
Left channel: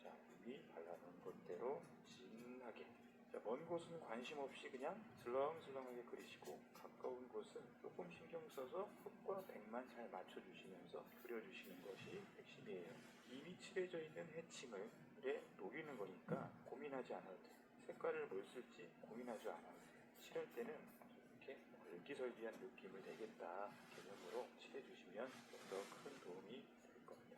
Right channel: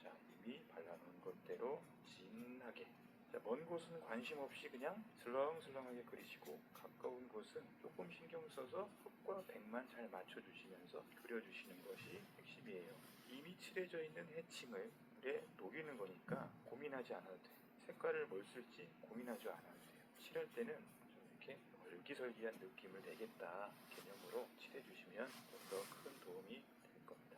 자, 이미 발라놓은 것대로 진하게. 자, 먼 곳은 관심 없이 그냥 슬렁슬렁하게 그리시고 가까운 곳은 조금 신경 써서 흙과 백만 잘 맞춰주시면서 그려주시는 것이 핵심이에요. 이미 칠해져 있는 해칭을 물에 녹이는 거니까 고민하지 않아도 돼요. 색깔을 뭘 쓸지 고민하지 않아도 돼요. 칠할 때는 이렇게 얼기설기한 느낌을 내겠다 개념으로 칠해주시면 좀 더 큰 도움이 될 겁니다.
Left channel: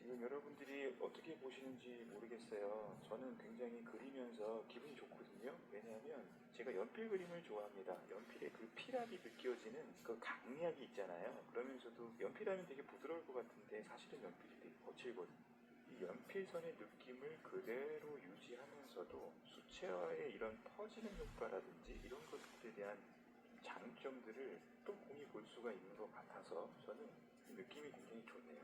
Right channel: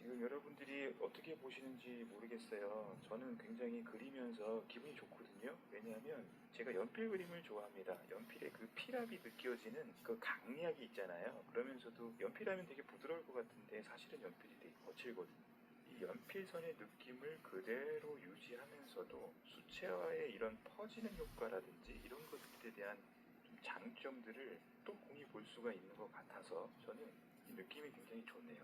지금 여러분들이 어떻게 보시는지 모르겠어요. 저는 굉장히 그리면서 기분이 좋거든요. 왜냐하면 제가 연필 그림을 좋아합니다. 연필의 그 필압이 느껴지는 그 강약이 있잖아요. 그러면서도 연필하면 되게 부드러울 것 같은데 사실은 연필이 되게 거칠거든요. 이 연필선의 느낌을 그대로 유지하면서도 수채화의 이런 퍼지는 효과라든지 이런 것들에 대한 좀 장점들을 또 공히 볼 수가 있는 것 같아서 저는 이 느낌이 굉장히 좋네요.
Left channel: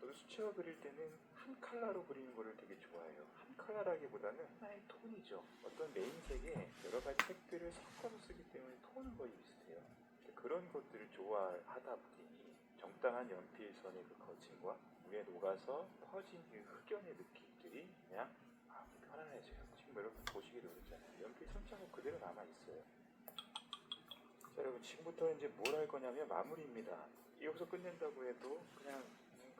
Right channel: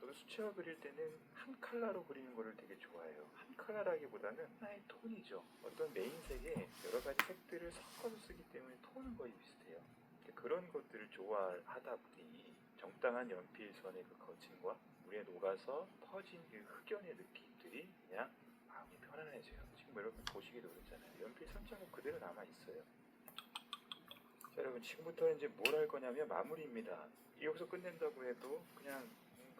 저도 수채화 그릴 때는 한 컬러로 그리는 거를 되게 좋아해요. 한 컬러라기보다는 하나의 톤이죠. 어떤 메인색에 여러 가지 색들을 섞어서 쓰기 때문에 톤은 거의 비슷해요. 그런 것들을 좋아하다 보니 정당한 연필선의 그 거침과 물에 녹아서 퍼진 그 흑연의 느낌들이 그냥 마음이 편안해져요. 지금 여러분 보시기도 그렇잖아요. 연필 선자가 그대로 남아있어요. 자, 여러분 지금부터는 이제 뭘 할 거냐면 마무리입니다. 여기서 끝낸다고 해도 그냥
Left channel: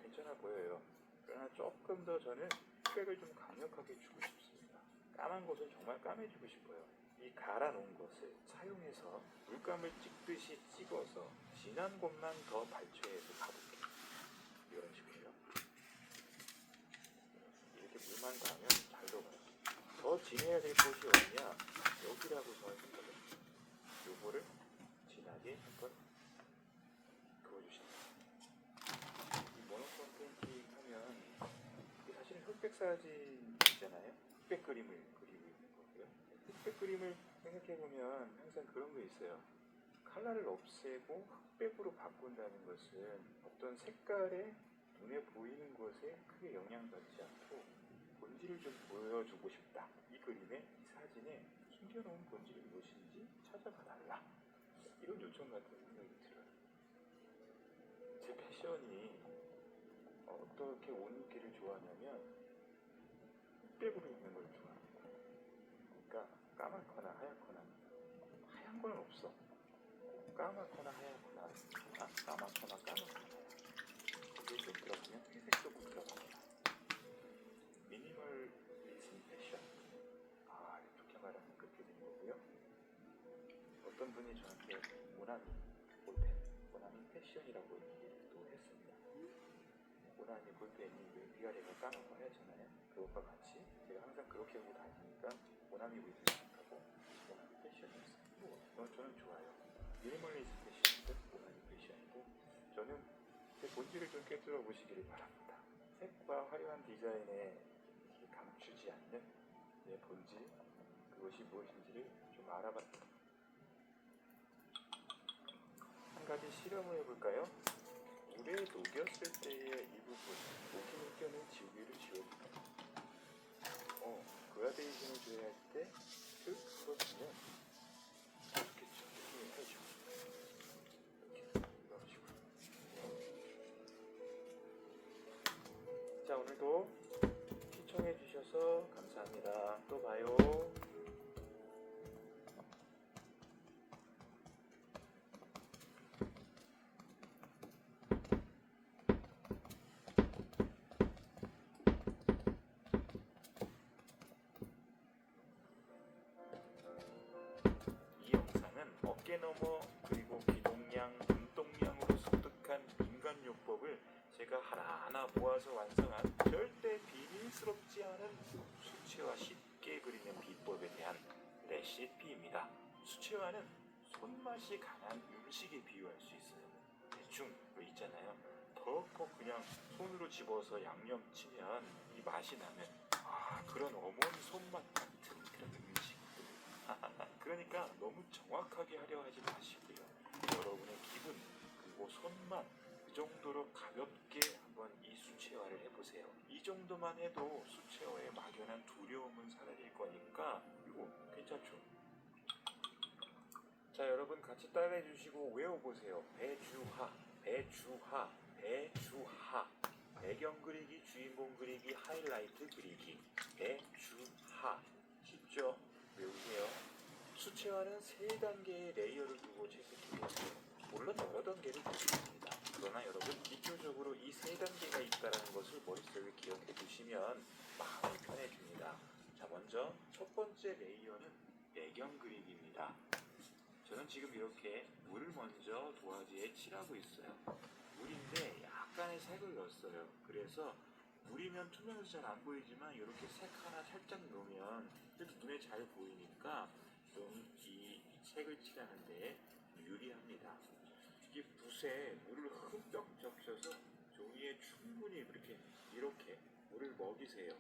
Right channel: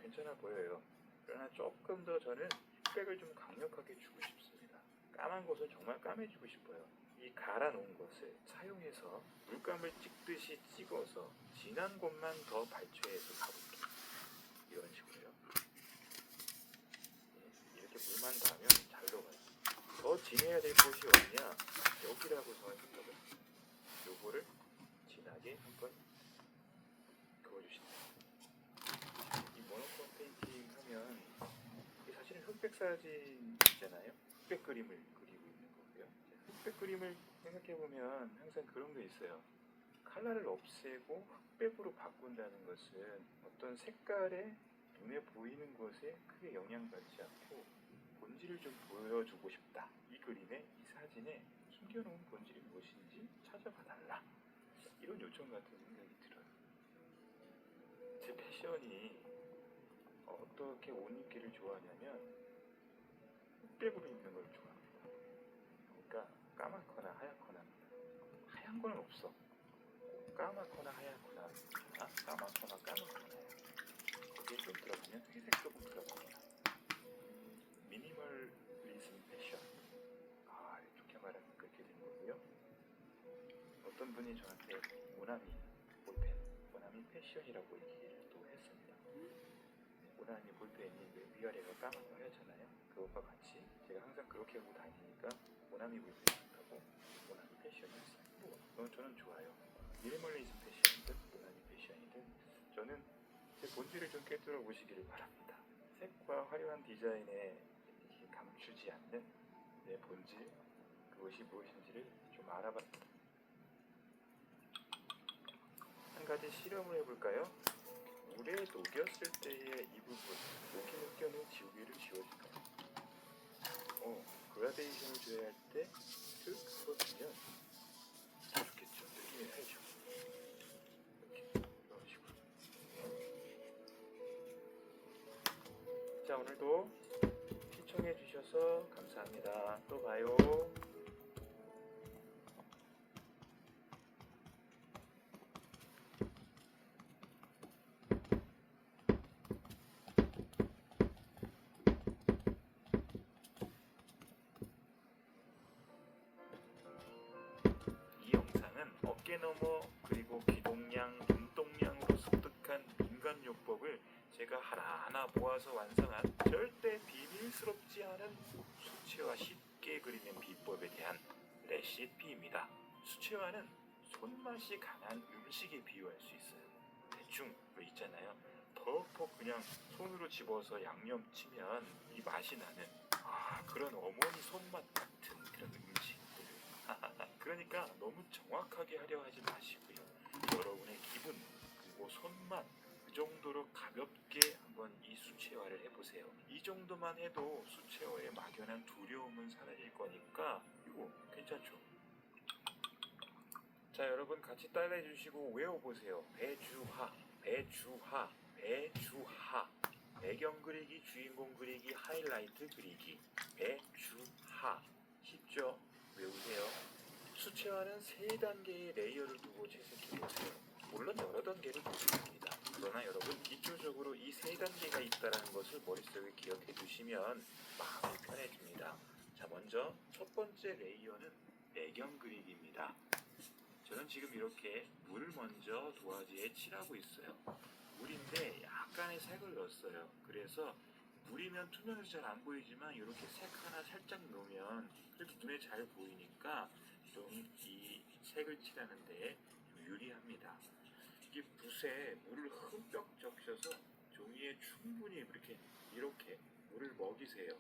괜찮아 보여요. 그러나 조금 더 저는 흑백을 좀 강력하게 주고 싶습니다. 까만 것을 정말 까매주고 싶어요. 이 갈아놓은 것을 사용해서 물감을 찍듯이 찍어서 진한 곳만 더 발췌해서 가볼게요. 이런 식으로요. 이렇게 물만 가면 잘 녹아요. 더 진해야 될 곳이 어디냐? 여기라고 저는 생각을 해요. 요거를 진하게 한번 그어주십니다. 이 모노크롬 페인팅 하면 사실은 흑백 사진 있잖아요. 흑백 그림을 그리고 있는 거고요. 흑백 그림을 생각해보면 항상 그런 게 있어요. 컬러를 없애고 흑백으로 바꾼다는 것은 어떤 색깔에 눈에 보이는 것에 크게 영향받지 않고 본질을 좀 보여주고 싶다. 이 그림에, 이 사진에 숨겨놓은 본질이 무엇인지 찾아봐 달라. 이런 요청 같은 생각이 들어요. 제 패션이 어떻게 옷 입기를 좋아하냐면 흑백으로 입는 걸 좋아합니다. 그러니까 까맣거나 하얗거나 하얀 건 없어. 까맣거나 하얗거나 까맣거나 까맣거나 그게 좀 들어가면 회색도 못 들어가요. 미니멀리즘 패션. 좋게 말하면 그렇게 되는 거고요. 어떤 분이 저한테 모나미 볼펜, 모나미 패션이라고 얘기를 또 했습니다. 모나미 볼펜이 위아래가 까맣고 하얗잖아요. 그것과 같이 제가 항상 그렇게 하고 다니니까 모나미 볼펜이라고 모나미 패션이었어요. 저는 좋아요. 미니멀리즘 패션이든 모나미 패션이든 저는 제 본질을 좀 꿰뚫어 보시기를 바랍니다. 색과 화려한 디자인에 감추지 않는 내 본질, 그것이 무엇인지를 좀 알아봤습니다. 한 가지 실험을 해볼까요? 물에 녹였을 때의 이 부분, 녹인 흑연을 지우개로 지워줄까요? 그라데이션을 줘야 할 때 쓱 풀어주면 잡겠죠. 느낌이 살죠. 이런 식으로. 자, 오늘도 시청해주셔서 감사합니다. 또 봐요. 이 영상은 어깨너머 그리고 기동량, 눈동량으로 습득한 인간요법을 제가 하나하나 모아서 완성한 절대 비밀스럽지 않은 수채화 쉽게 그리는 비법에 대한 레시피입니다. 수채화는 손맛이 강한 음식에 비유할 수 있어요. 대충 있잖아요. 덜컥 그냥 손으로 집어서 양념 치면 이 맛이 나는 그런 어머니 손맛 같은 그런 음식. 그러니까 너무 정확하게 하려 하지 마시고요. 여러분의 기분 그리고 손만 그 정도로 가볍게 한번 이 수채화를 해보세요. 이 정도만 해도 수채화의 막연한 두려움은 사라질 거니까 이거 괜찮죠? 자, 여러분 같이 따라해 주시고 외워보세요. 배주하, 배주하, 배주하. 배경 그리기, 주인공 그리기, 하이라이트 그리기. 배주하. 쉽죠? 외우세요. 수채화는 3단계의 레이어를 두고 채색해서 물론 여러 단계를 두습니다. 그러나 여러분 기초적으로 이 3단계가 있다는 것을 머릿속에 기억해 두시면 마음이 편해집니다. 자, 먼저 첫 번째 레이어는 배경 그리기입니다. 저는 지금 이렇게 물을 먼저 도화지에 칠하고 있어요. 물인데 약간의 색을 넣었어요. 그래서 물이면 투명해서 잘 안 보이지만 이렇게 색 하나 살짝 넣으면 그래도 눈에 잘 보이니까 좀 이 색을 칠하는 데 유리합니다. 이게 붓에 물을 흠뻑 적셔서 종이에 충분히 이렇게 물을 먹이세요.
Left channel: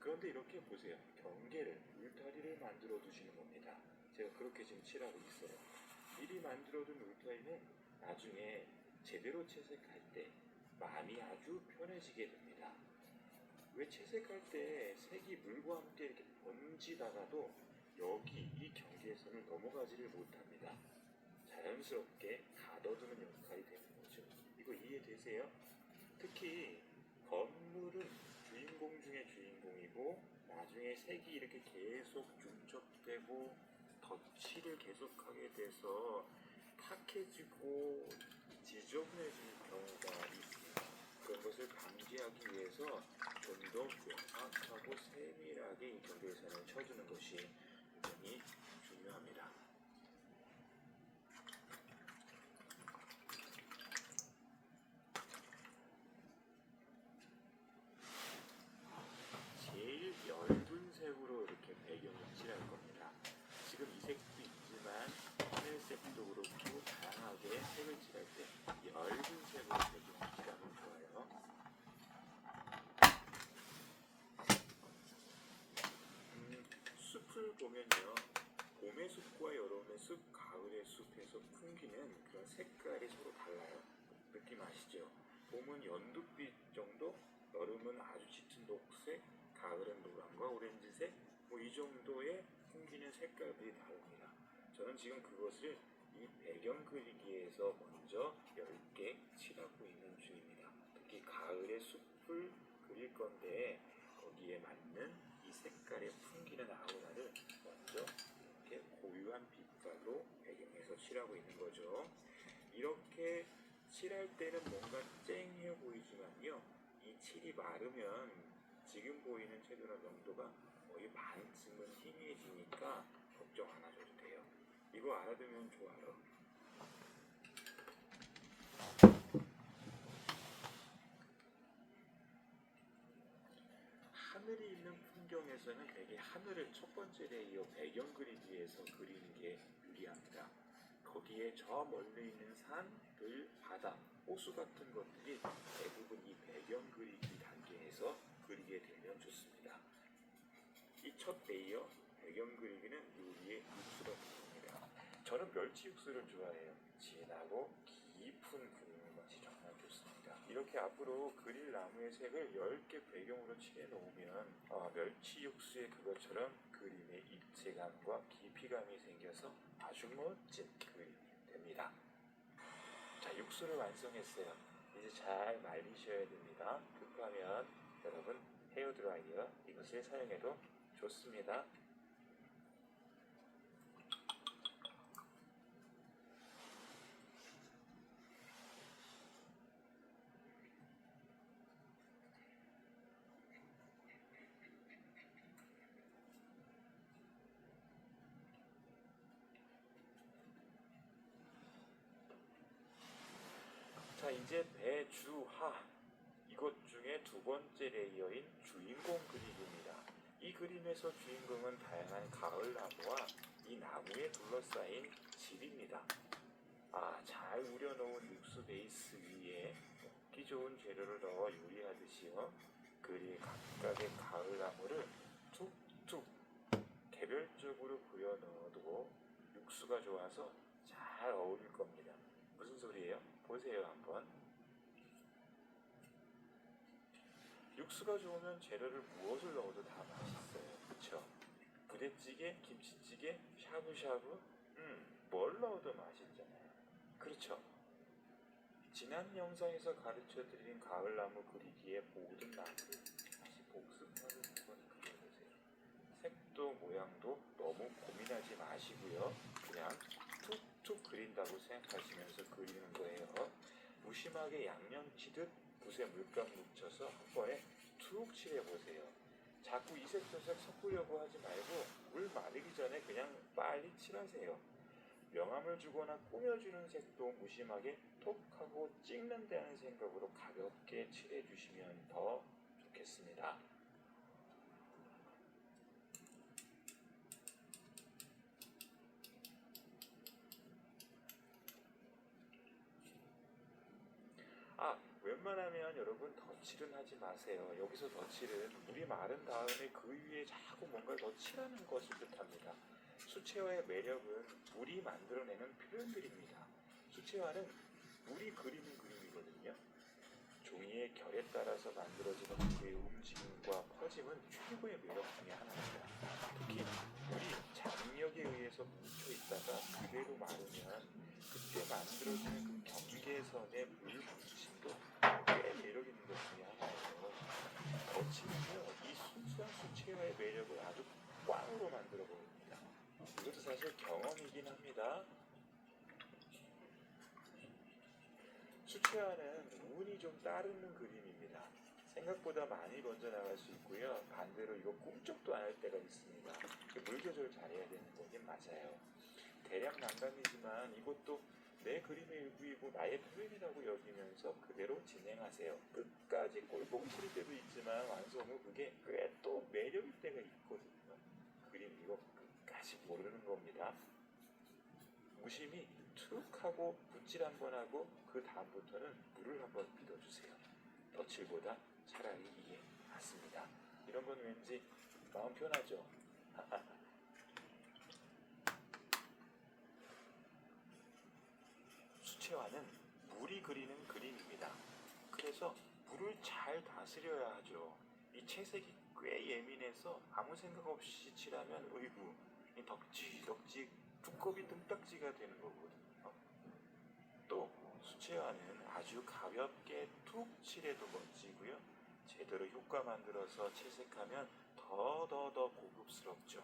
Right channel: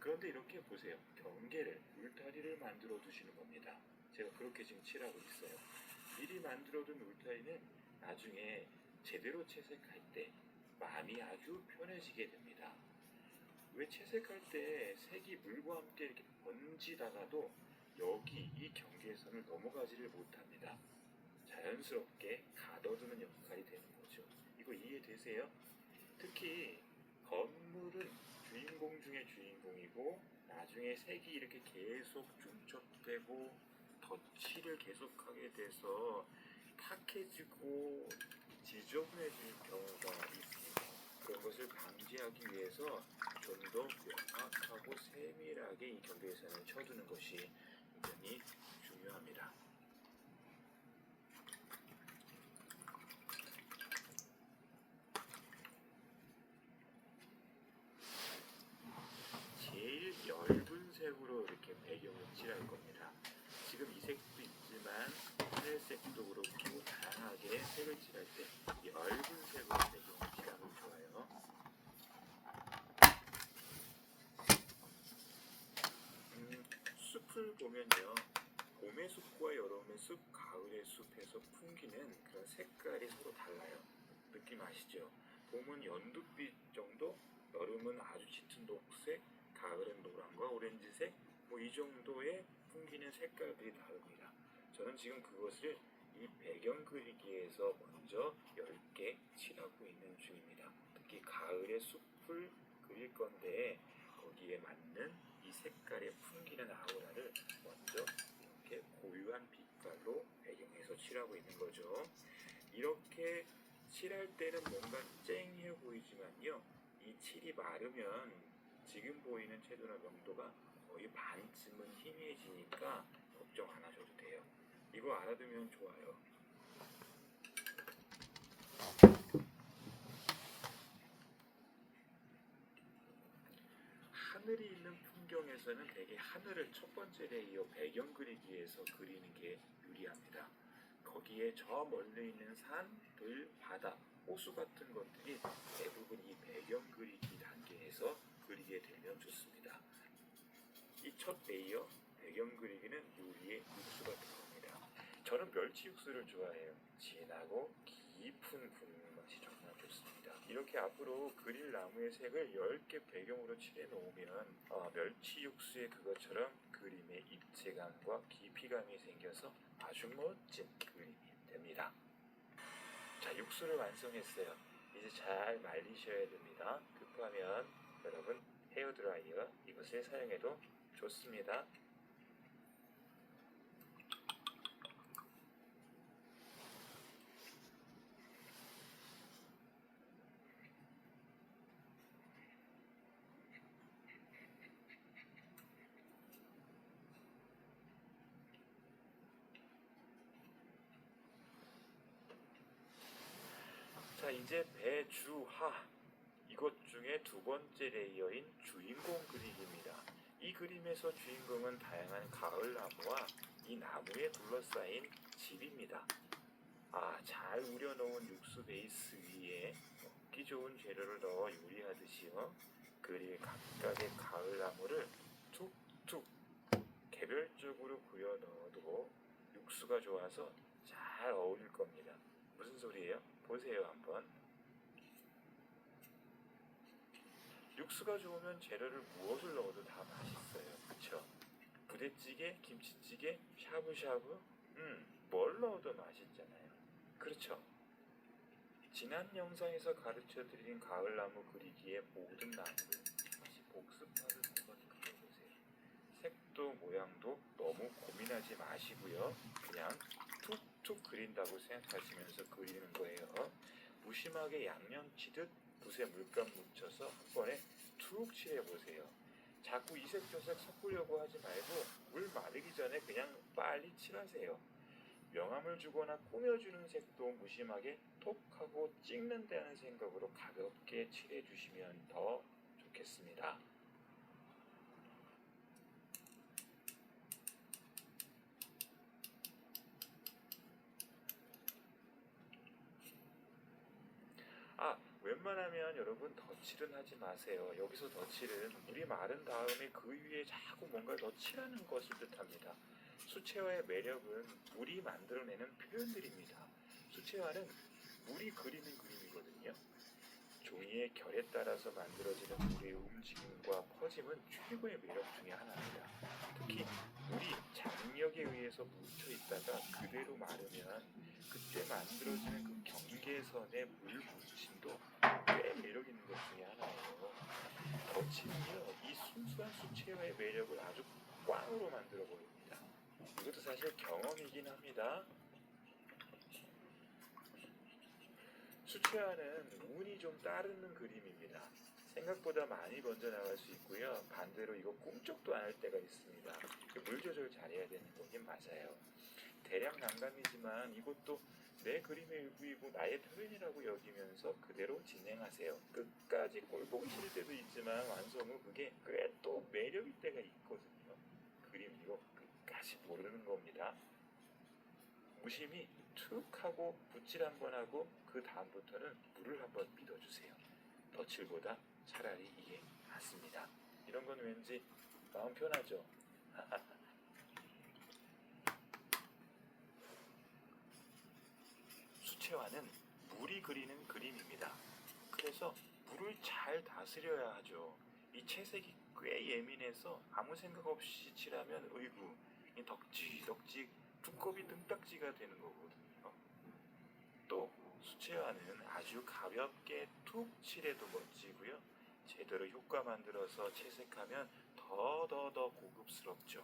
그런데 이렇게 보세요. 경계를, 울타리를 만들어 두시는 겁니다. 제가 그렇게 지금 칠하고 있어요. 미리 만들어둔 울타리는 나중에 제대로 채색할 때 마음이 아주 편해지게 됩니다. 왜 채색할 때 색이 물과 함께 이렇게 번지다가도 여기 이 경계선을 넘어가지를 못합니다. 자연스럽게 가둬두는 역할이 되는 거죠. 이거 이해되세요? 특히 건물은 주인공 중에 주인공이고 나중에 색이 이렇게 계속 중첩되고 덧칠을 계속하게 돼서 탁해지고 지저분해지는 경우가 있습니다. 그런 것을 방지하기 위해서 좀 더 명확하고 세밀하게 이 경계선을 쳐주는 것이 굉장히 중요합니다. 제일 엷은 색으로 이렇게 배경을 칠할 겁니다. 지금 이 색도 있지만 하늘색도 그렇고 다양하게 색을 칠할 때 엷은 색으로 배경을 칠하면 좋아요. 숲을 보면요. 봄의 숲과 여름의 숲, 가을의 숲에서 풍기는 그런 색깔이 서로 달라요. 느낌 아시죠? 봄은 연두빛 정도, 여름은 아주 짙은 녹색, 가을은 노란과 오렌지색, 뭐 이 정도의 풍기는 색깔들이 다릅니다. 저는 지금 그것을 이 배경 그리기에서 먼저 10개 칠하고 있는 중입니다. 특히 가을의 숲을 그릴 건데 거기에 맞는 이 색깔의 풍기는 아우라를 먼저 이렇게 고유한 빛깔로 배경에서 칠하고 있는 거죠. 이렇게 칠할 때는 뭔가 쨍해 보이지만요. 이 칠이 마르면 지금 보이는 채도나 명도가 거의 반쯤은 희미해지니까 걱정 안 하셔도 돼요. 이거 알아두면 좋아요. 하늘이 있는 풍경에서는 대개 하늘을 첫 번째 레이어 배경 그리기에서 그리는 게 유리합니다. 거기에 저 멀리 있는 산, 들, 바다, 호수 같은 것들이 대부분 이 배경 그리기 단계에서 그리게 되면 좋습니다. 이 첫 레이어 배경 그리기는 요리의 육수가 들어갑니다. 저는 멸치 육수를 좋아해요. 진하고 깊은 그림의 맛이 정말 좋습니다. 이렇게 앞으로 그릴 나무의 색을 10개 배경으로 칠해 놓으면 멸치 육수의 그것처럼 그림의 입체감과 깊이감이 생겨서 아주 멋진 그림이 됩니다. 자, 육수를 완성했어요. 이제 잘 말리셔야 됩니다. 급하면 여러분 헤어드라이어 이것을 사용해도 좋습니다. 자, 이제 배주하 이것 중에 두 번째 레이어인 주인공 그림입니다. 이 그림에서 주인공은 다양한 가을 나무와 이 나무에 둘러싸인 집입니다. 잘 우려놓은 육수 베이스 위에 먹기 좋은 재료를 넣어 요리하듯이요. 그릴 각각의 가을 나무를 툭툭 개별적으로 부여 넣어도 육수가 좋아서 잘 어울릴 겁니다. 무슨 소리예요? 보세요 한번. 육수가 좋으면 재료를 무엇을 넣어도 다 맛있어요. 그쵸? 부대찌개, 김치찌개, 샤브샤브 뭘 넣어도 맛있잖아요. 그렇죠? 지난 영상에서 가르쳐드린 가을나무 그리기의 모든 나무를 다시 복습하고 한번 그려보세요. 색도 모양도 너무 고민하지 마시고요. 그냥 툭툭 그린다고 생각하시면서 그리는 거예요. 무심하게 양념 치듯 붓에 물감 묻혀서 한 번에 툭 칠해보세요. 자꾸 이색 저색 섞으려고 하지 말고 물 마르기 전에 그냥 빨리 칠하세요. 명암을 주거나 꾸며주는 색도 무심하게 톡 하고 찍는다는 생각으로 가볍게 칠해주시면 더 좋겠습니다. 웬만하면 그러면 여러분 덧칠은 하지 마세요. 여기서 덧칠은 물이 마른 다음에 그 위에 자꾸 뭔가를 더 칠하는 것을 뜻합니다. 수채화의 매력은 물이 만들어내는 표현들입니다. 수채화는 물이 그리는 그림이거든요. 종이의 결에 따라서 만들어지는 물의 움직임과 퍼짐은 최고의 매력 중에 하나입니다. 특히 물이 장력에 의해서 뭉쳐 있다가 그대로 마르면 그때 만들어지는 그 경계선의 물 부딪힘도 꽤 매력 있는 것 중에 하나예요. 덧칠은요, 이 순수한 수채화의 매력을 아주 꽝으로 만들어 버립니다. 이것도 사실 경험이긴 합니다. 수채화는 운이 좀 따르는 그림입니다. 생각보다 많이 번져나갈 수 있고요. 반대로 이거 꿈쩍도 안 할 때가 있습니다. 물 조절 잘해야 되는 거긴 맞아요. 대략 난감이지만 이것도 내 그림의 일부이고 나의 표현이라고 여기면서 그대로 진행하세요. 끝까지 꼴보기 싫을 때도 있지만 완성 후 그게 꽤 또 매력일 때가 있거든요. 그림 이거 끝까지 모르는 겁니다. 무심히 툭 하고 붓질 한번 하고 그 다음부터는 물을 한번 믿어주세요. 덧칠보다 차라리 이게 낫습니다. 이런 건 왠지 마음 편하죠? 수채화는 물이 그리는 그림입니다. 그래서 물을 잘 다스려야 하죠. 이 채색이 꽤 예민해서 아무 생각 없이 칠하면 으이구 덕지덕지 두꺼비 등딱지가 되는 거거든요. 또 수채화는 아주 가볍게 툭 칠해도 멋지고요. 제대로 효과 만들어서 채색하면 더 고급스럽죠.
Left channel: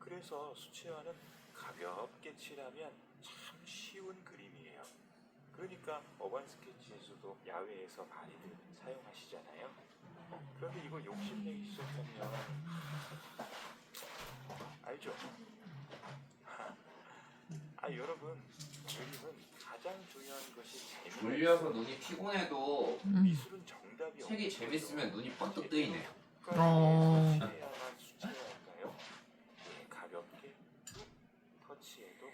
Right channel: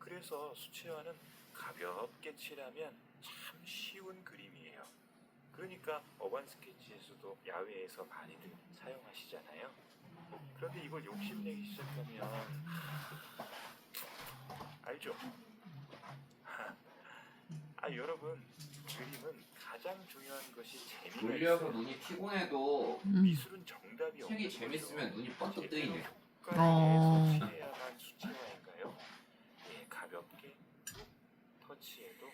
그래서 수채화는 가볍게 칠하면 참 쉬운 그림이에요. 그러니까 어반 스케치에서도 야외에서 많이들 사용하시잖아요. 그런데 이걸 욕심내기 시작하면 알죠? 여러분 그림은 가장 중요한 것이 재미가 졸려서 있어요. 눈이 피곤해도 미술은 정답이 책이 없는 재밌으면 거죠. 눈이 번뜩 뜨이네. 수채화만 수채화인가요? 네, 가볍게 툭 터치해도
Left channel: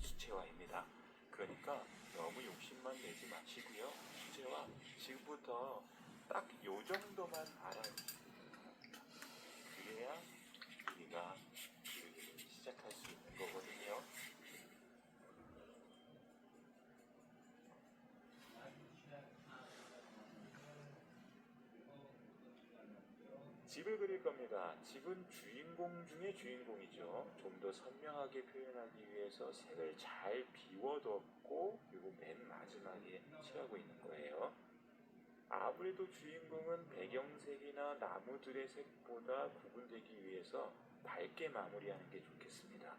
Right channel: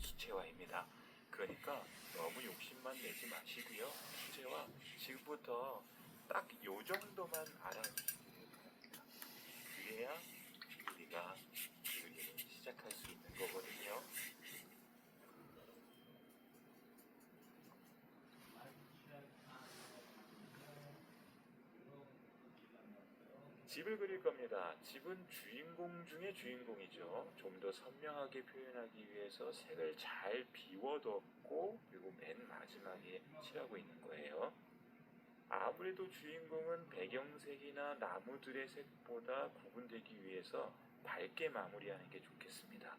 수채화입니다. 그러니까 너무 욕심만 내지 마시고요. 수채화 지금부터 딱 요 정도만 알아주시면 됩니다. 그래야 우리가 그림을 시작할 수 있는 거거든요. 집을 그릴 겁니다. 집은 주인공 중에 주인공이죠. 좀 더 선명하게 표현하기 위해서 색을 잘 비워뒀고 그리고 맨 마지막에 칠하고 있는 거예요. 아무래도 주인공은 배경색이나 나무들의 색보다 구분되기 위해서 밝게 마무리하는 게 좋겠습니다.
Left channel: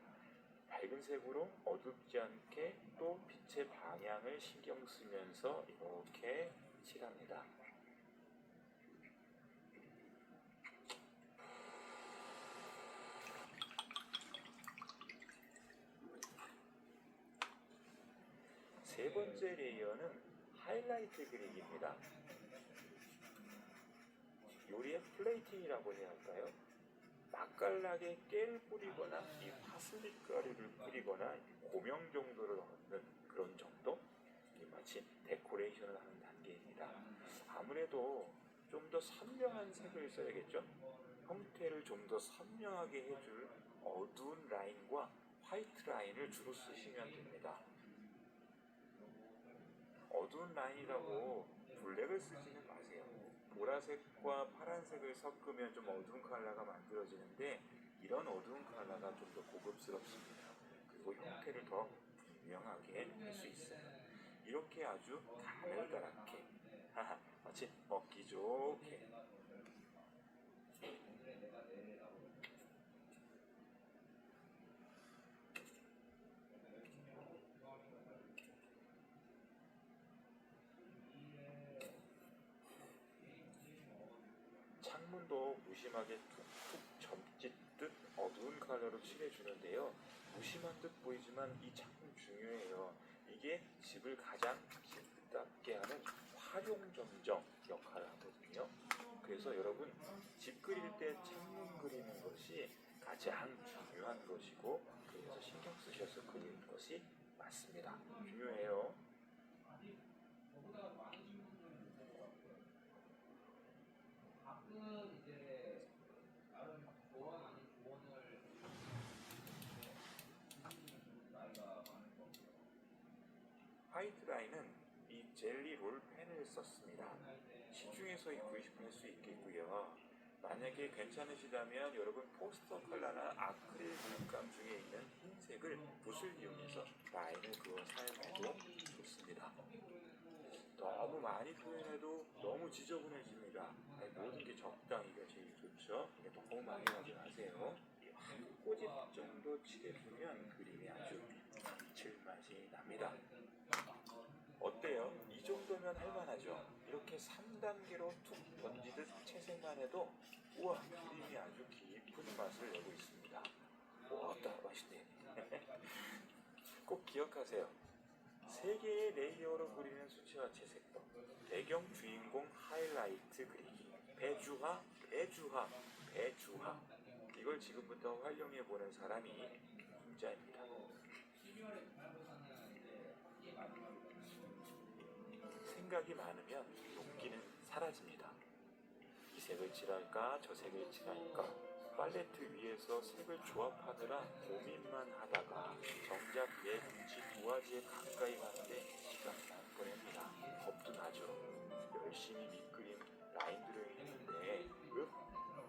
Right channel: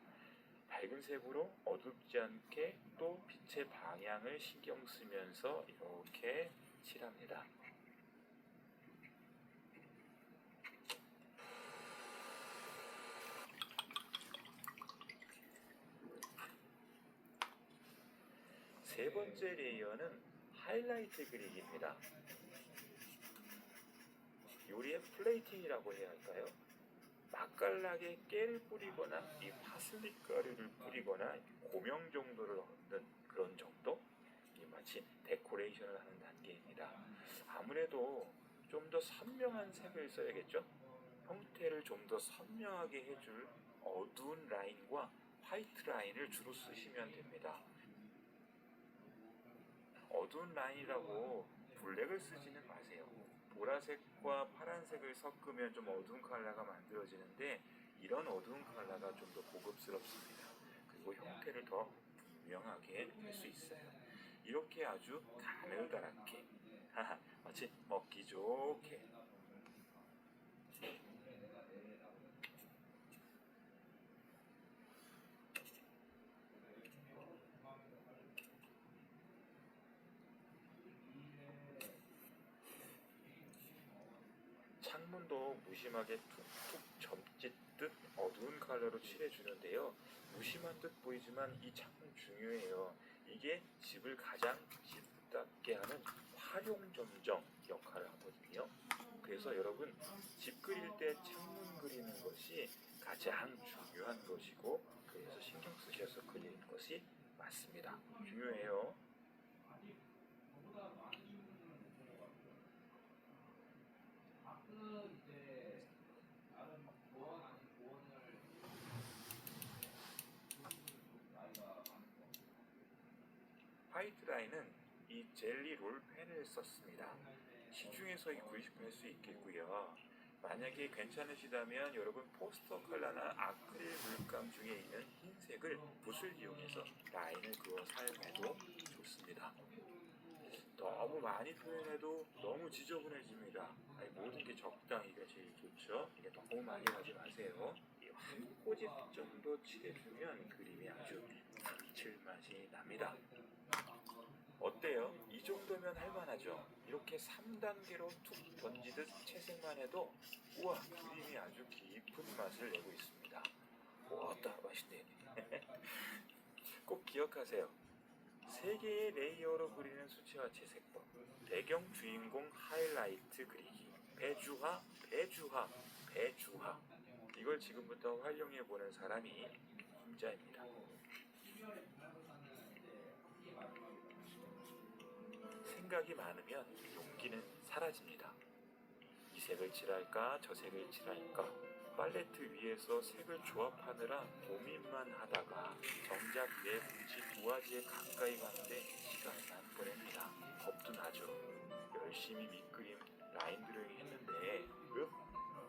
밝은 색으로 어둡지 않게 또 빛의 방향을 신경 쓰면서 이렇게 칠합니다. 세 번째 레이어는 하이라이트 그리기입니다. 요리의 플레이팅이라고 해야 할까요? 맛깔나게 깨를 뿌리거나 이 파슬리 가루를 뿌리거나 고명 정도를 얻는 그런 정도? 이 마치 데코레이션을 하는 단계입니다. 아무래도 좀 더 선명한 색을 써야겠죠? 형태를 좀 더 선명하게 해줄 어두운 라인과 화이트 라인을 주로 쓰시면 됩니다. 어두운 라인이라고 블랙을 쓰지는 마세요. 보라색과 파란색을 섞으면 좀 어두운 컬러가 만들어지는데 이런 어두운 컬러가 좀 더 고급스럽습니다. 그리고 형태를 더 분명하게 할 수 있어요. 이렇게 아주 가늘다랗게 마치 먹기 좋게 창문도 무심하게 툭툭 점짓듯 어두운 컬러로 칠해주는데요. 무심한 듯 보이지만 이 창문 중요해요. 이게 집을 가장 집답게 하는 활용점정 역할을 하거든요. 그래서 여러분 집 그릴 때 창문 그리는 것이 가장 중요한 것이고 그래서 신경 쓰셔서 그리는 것이 맞습니다. 중요해요. 가이드라인은 이 젤리 롤 펜을 썼습니다. 시중에서 구입할 수 있겠고요. 만약에 괜찮으시다면 여러분 포스터 컬러나 아크릴 물감 중에 있는 흰색을 붓을 이용해서 라인을 그어 사용해도 좋습니다. 너무 많이 표현해도 너무 지저분해집니다. 모든 게 적당히가 제일 좋죠. 너무 많이 하지 마세요. 한 꼬집 정도 칠해주면 그림이 아주 감칠맛이 납니다. 어때요? 이 정도면 할만하죠? 이렇게 3단계로 툭 던지듯 채색만 해도 우와, 그림이 아주 깊은 맛을 내고 있습니다. 어따 맛있네. 꼭 기억하세요. 3개의 레이어로 그리는 수채화 채색법, 배경 주인공 하이라이트 그리기, 배주화, 배주화, 배주화. 이걸 지금부터 활용해보는 사람이 혼자입니다. 생각이 많으면 용기는 사라집니다. 이 색을 칠할까 저 색을 칠할까 팔레트 위에서 색을 조합하느라 고민만 하다가 정작 내 뭉치 두 가지에 가까이 가는데 시간만 보냅니다. 겁도 나죠. 열심히 밑그림 라인 드로잉 했는데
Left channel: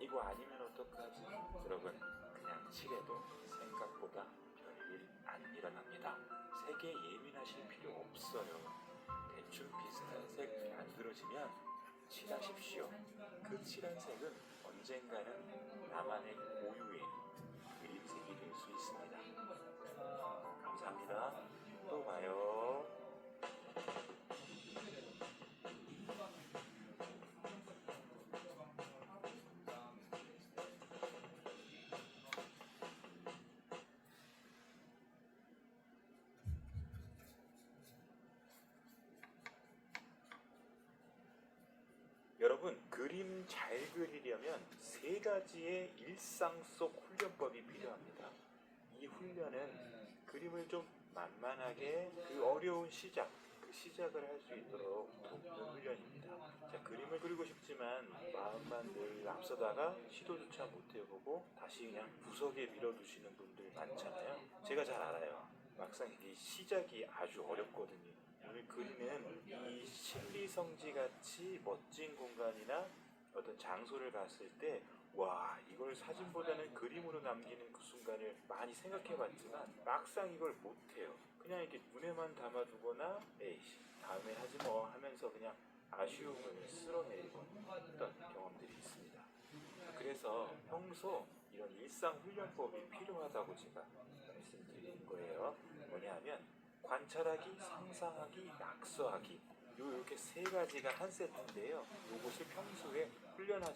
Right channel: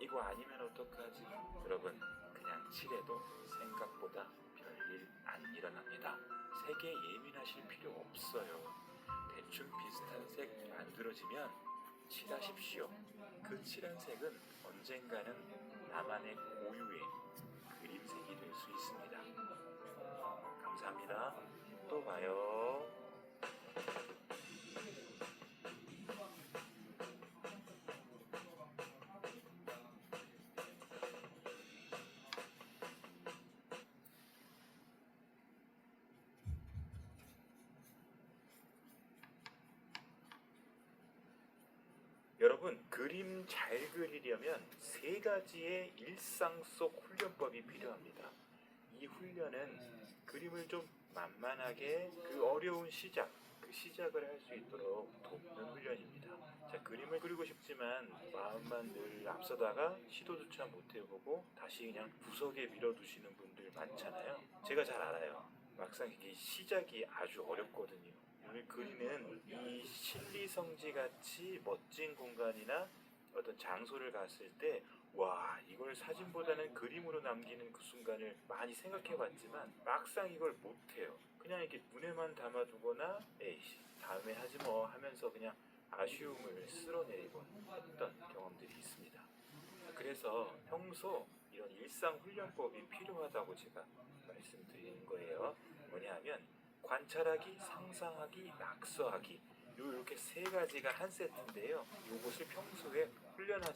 이거 아니면 어떡하지? 여러분 그냥 칠해도 생각보다 별일 안 일어납니다. 색에 예민하실 필요 없어요. 대충 비슷한 색 만들어지면 칠하십시오. 그 칠한 색은 언젠가는 나만의 고유의 그림색이 될 수 있습니다. 감사합니다. 또 봐요. 여러분 그림 잘 그리려면 3가지의 일상 속 훈련법이 필요합니다. 이 훈련은 그림을 좀 만만하게 그 어려운 그 시작을 할 수 있도록 돕는 훈련입니다. 자, 그림을 그리고 싶지만 마음만 늘 앞서다가 시도조차 못 해보고 다시 그냥 구석에 밀어두시는 분들 많잖아요. 제가 잘 알아요. 막상 이게 시작이 아주 어렵거든요. 오늘 그리는 이 신리성지같이 멋진 공간이나 어떤 장소를 갔을 때 와, 이걸 사진보다는 그림으로 남기는 그 순간을 많이 생각해봤지만 막상 이걸 못해요. 그냥 이렇게 눈에만 담아두거나 에이씨 다음에 하지 뭐 하면서 그냥 아쉬움을 쓸어내리고 했던 경험들이 있습니다. 그래서 평소 이런 일상 훈련법이 필요하다고 제가 말씀드리는 거예요. 뭐냐 하면 관찰하기, 상상하기, 낙서하기 이렇게 3가지가 한 세트인데요. 이것을 평소에 훈련하시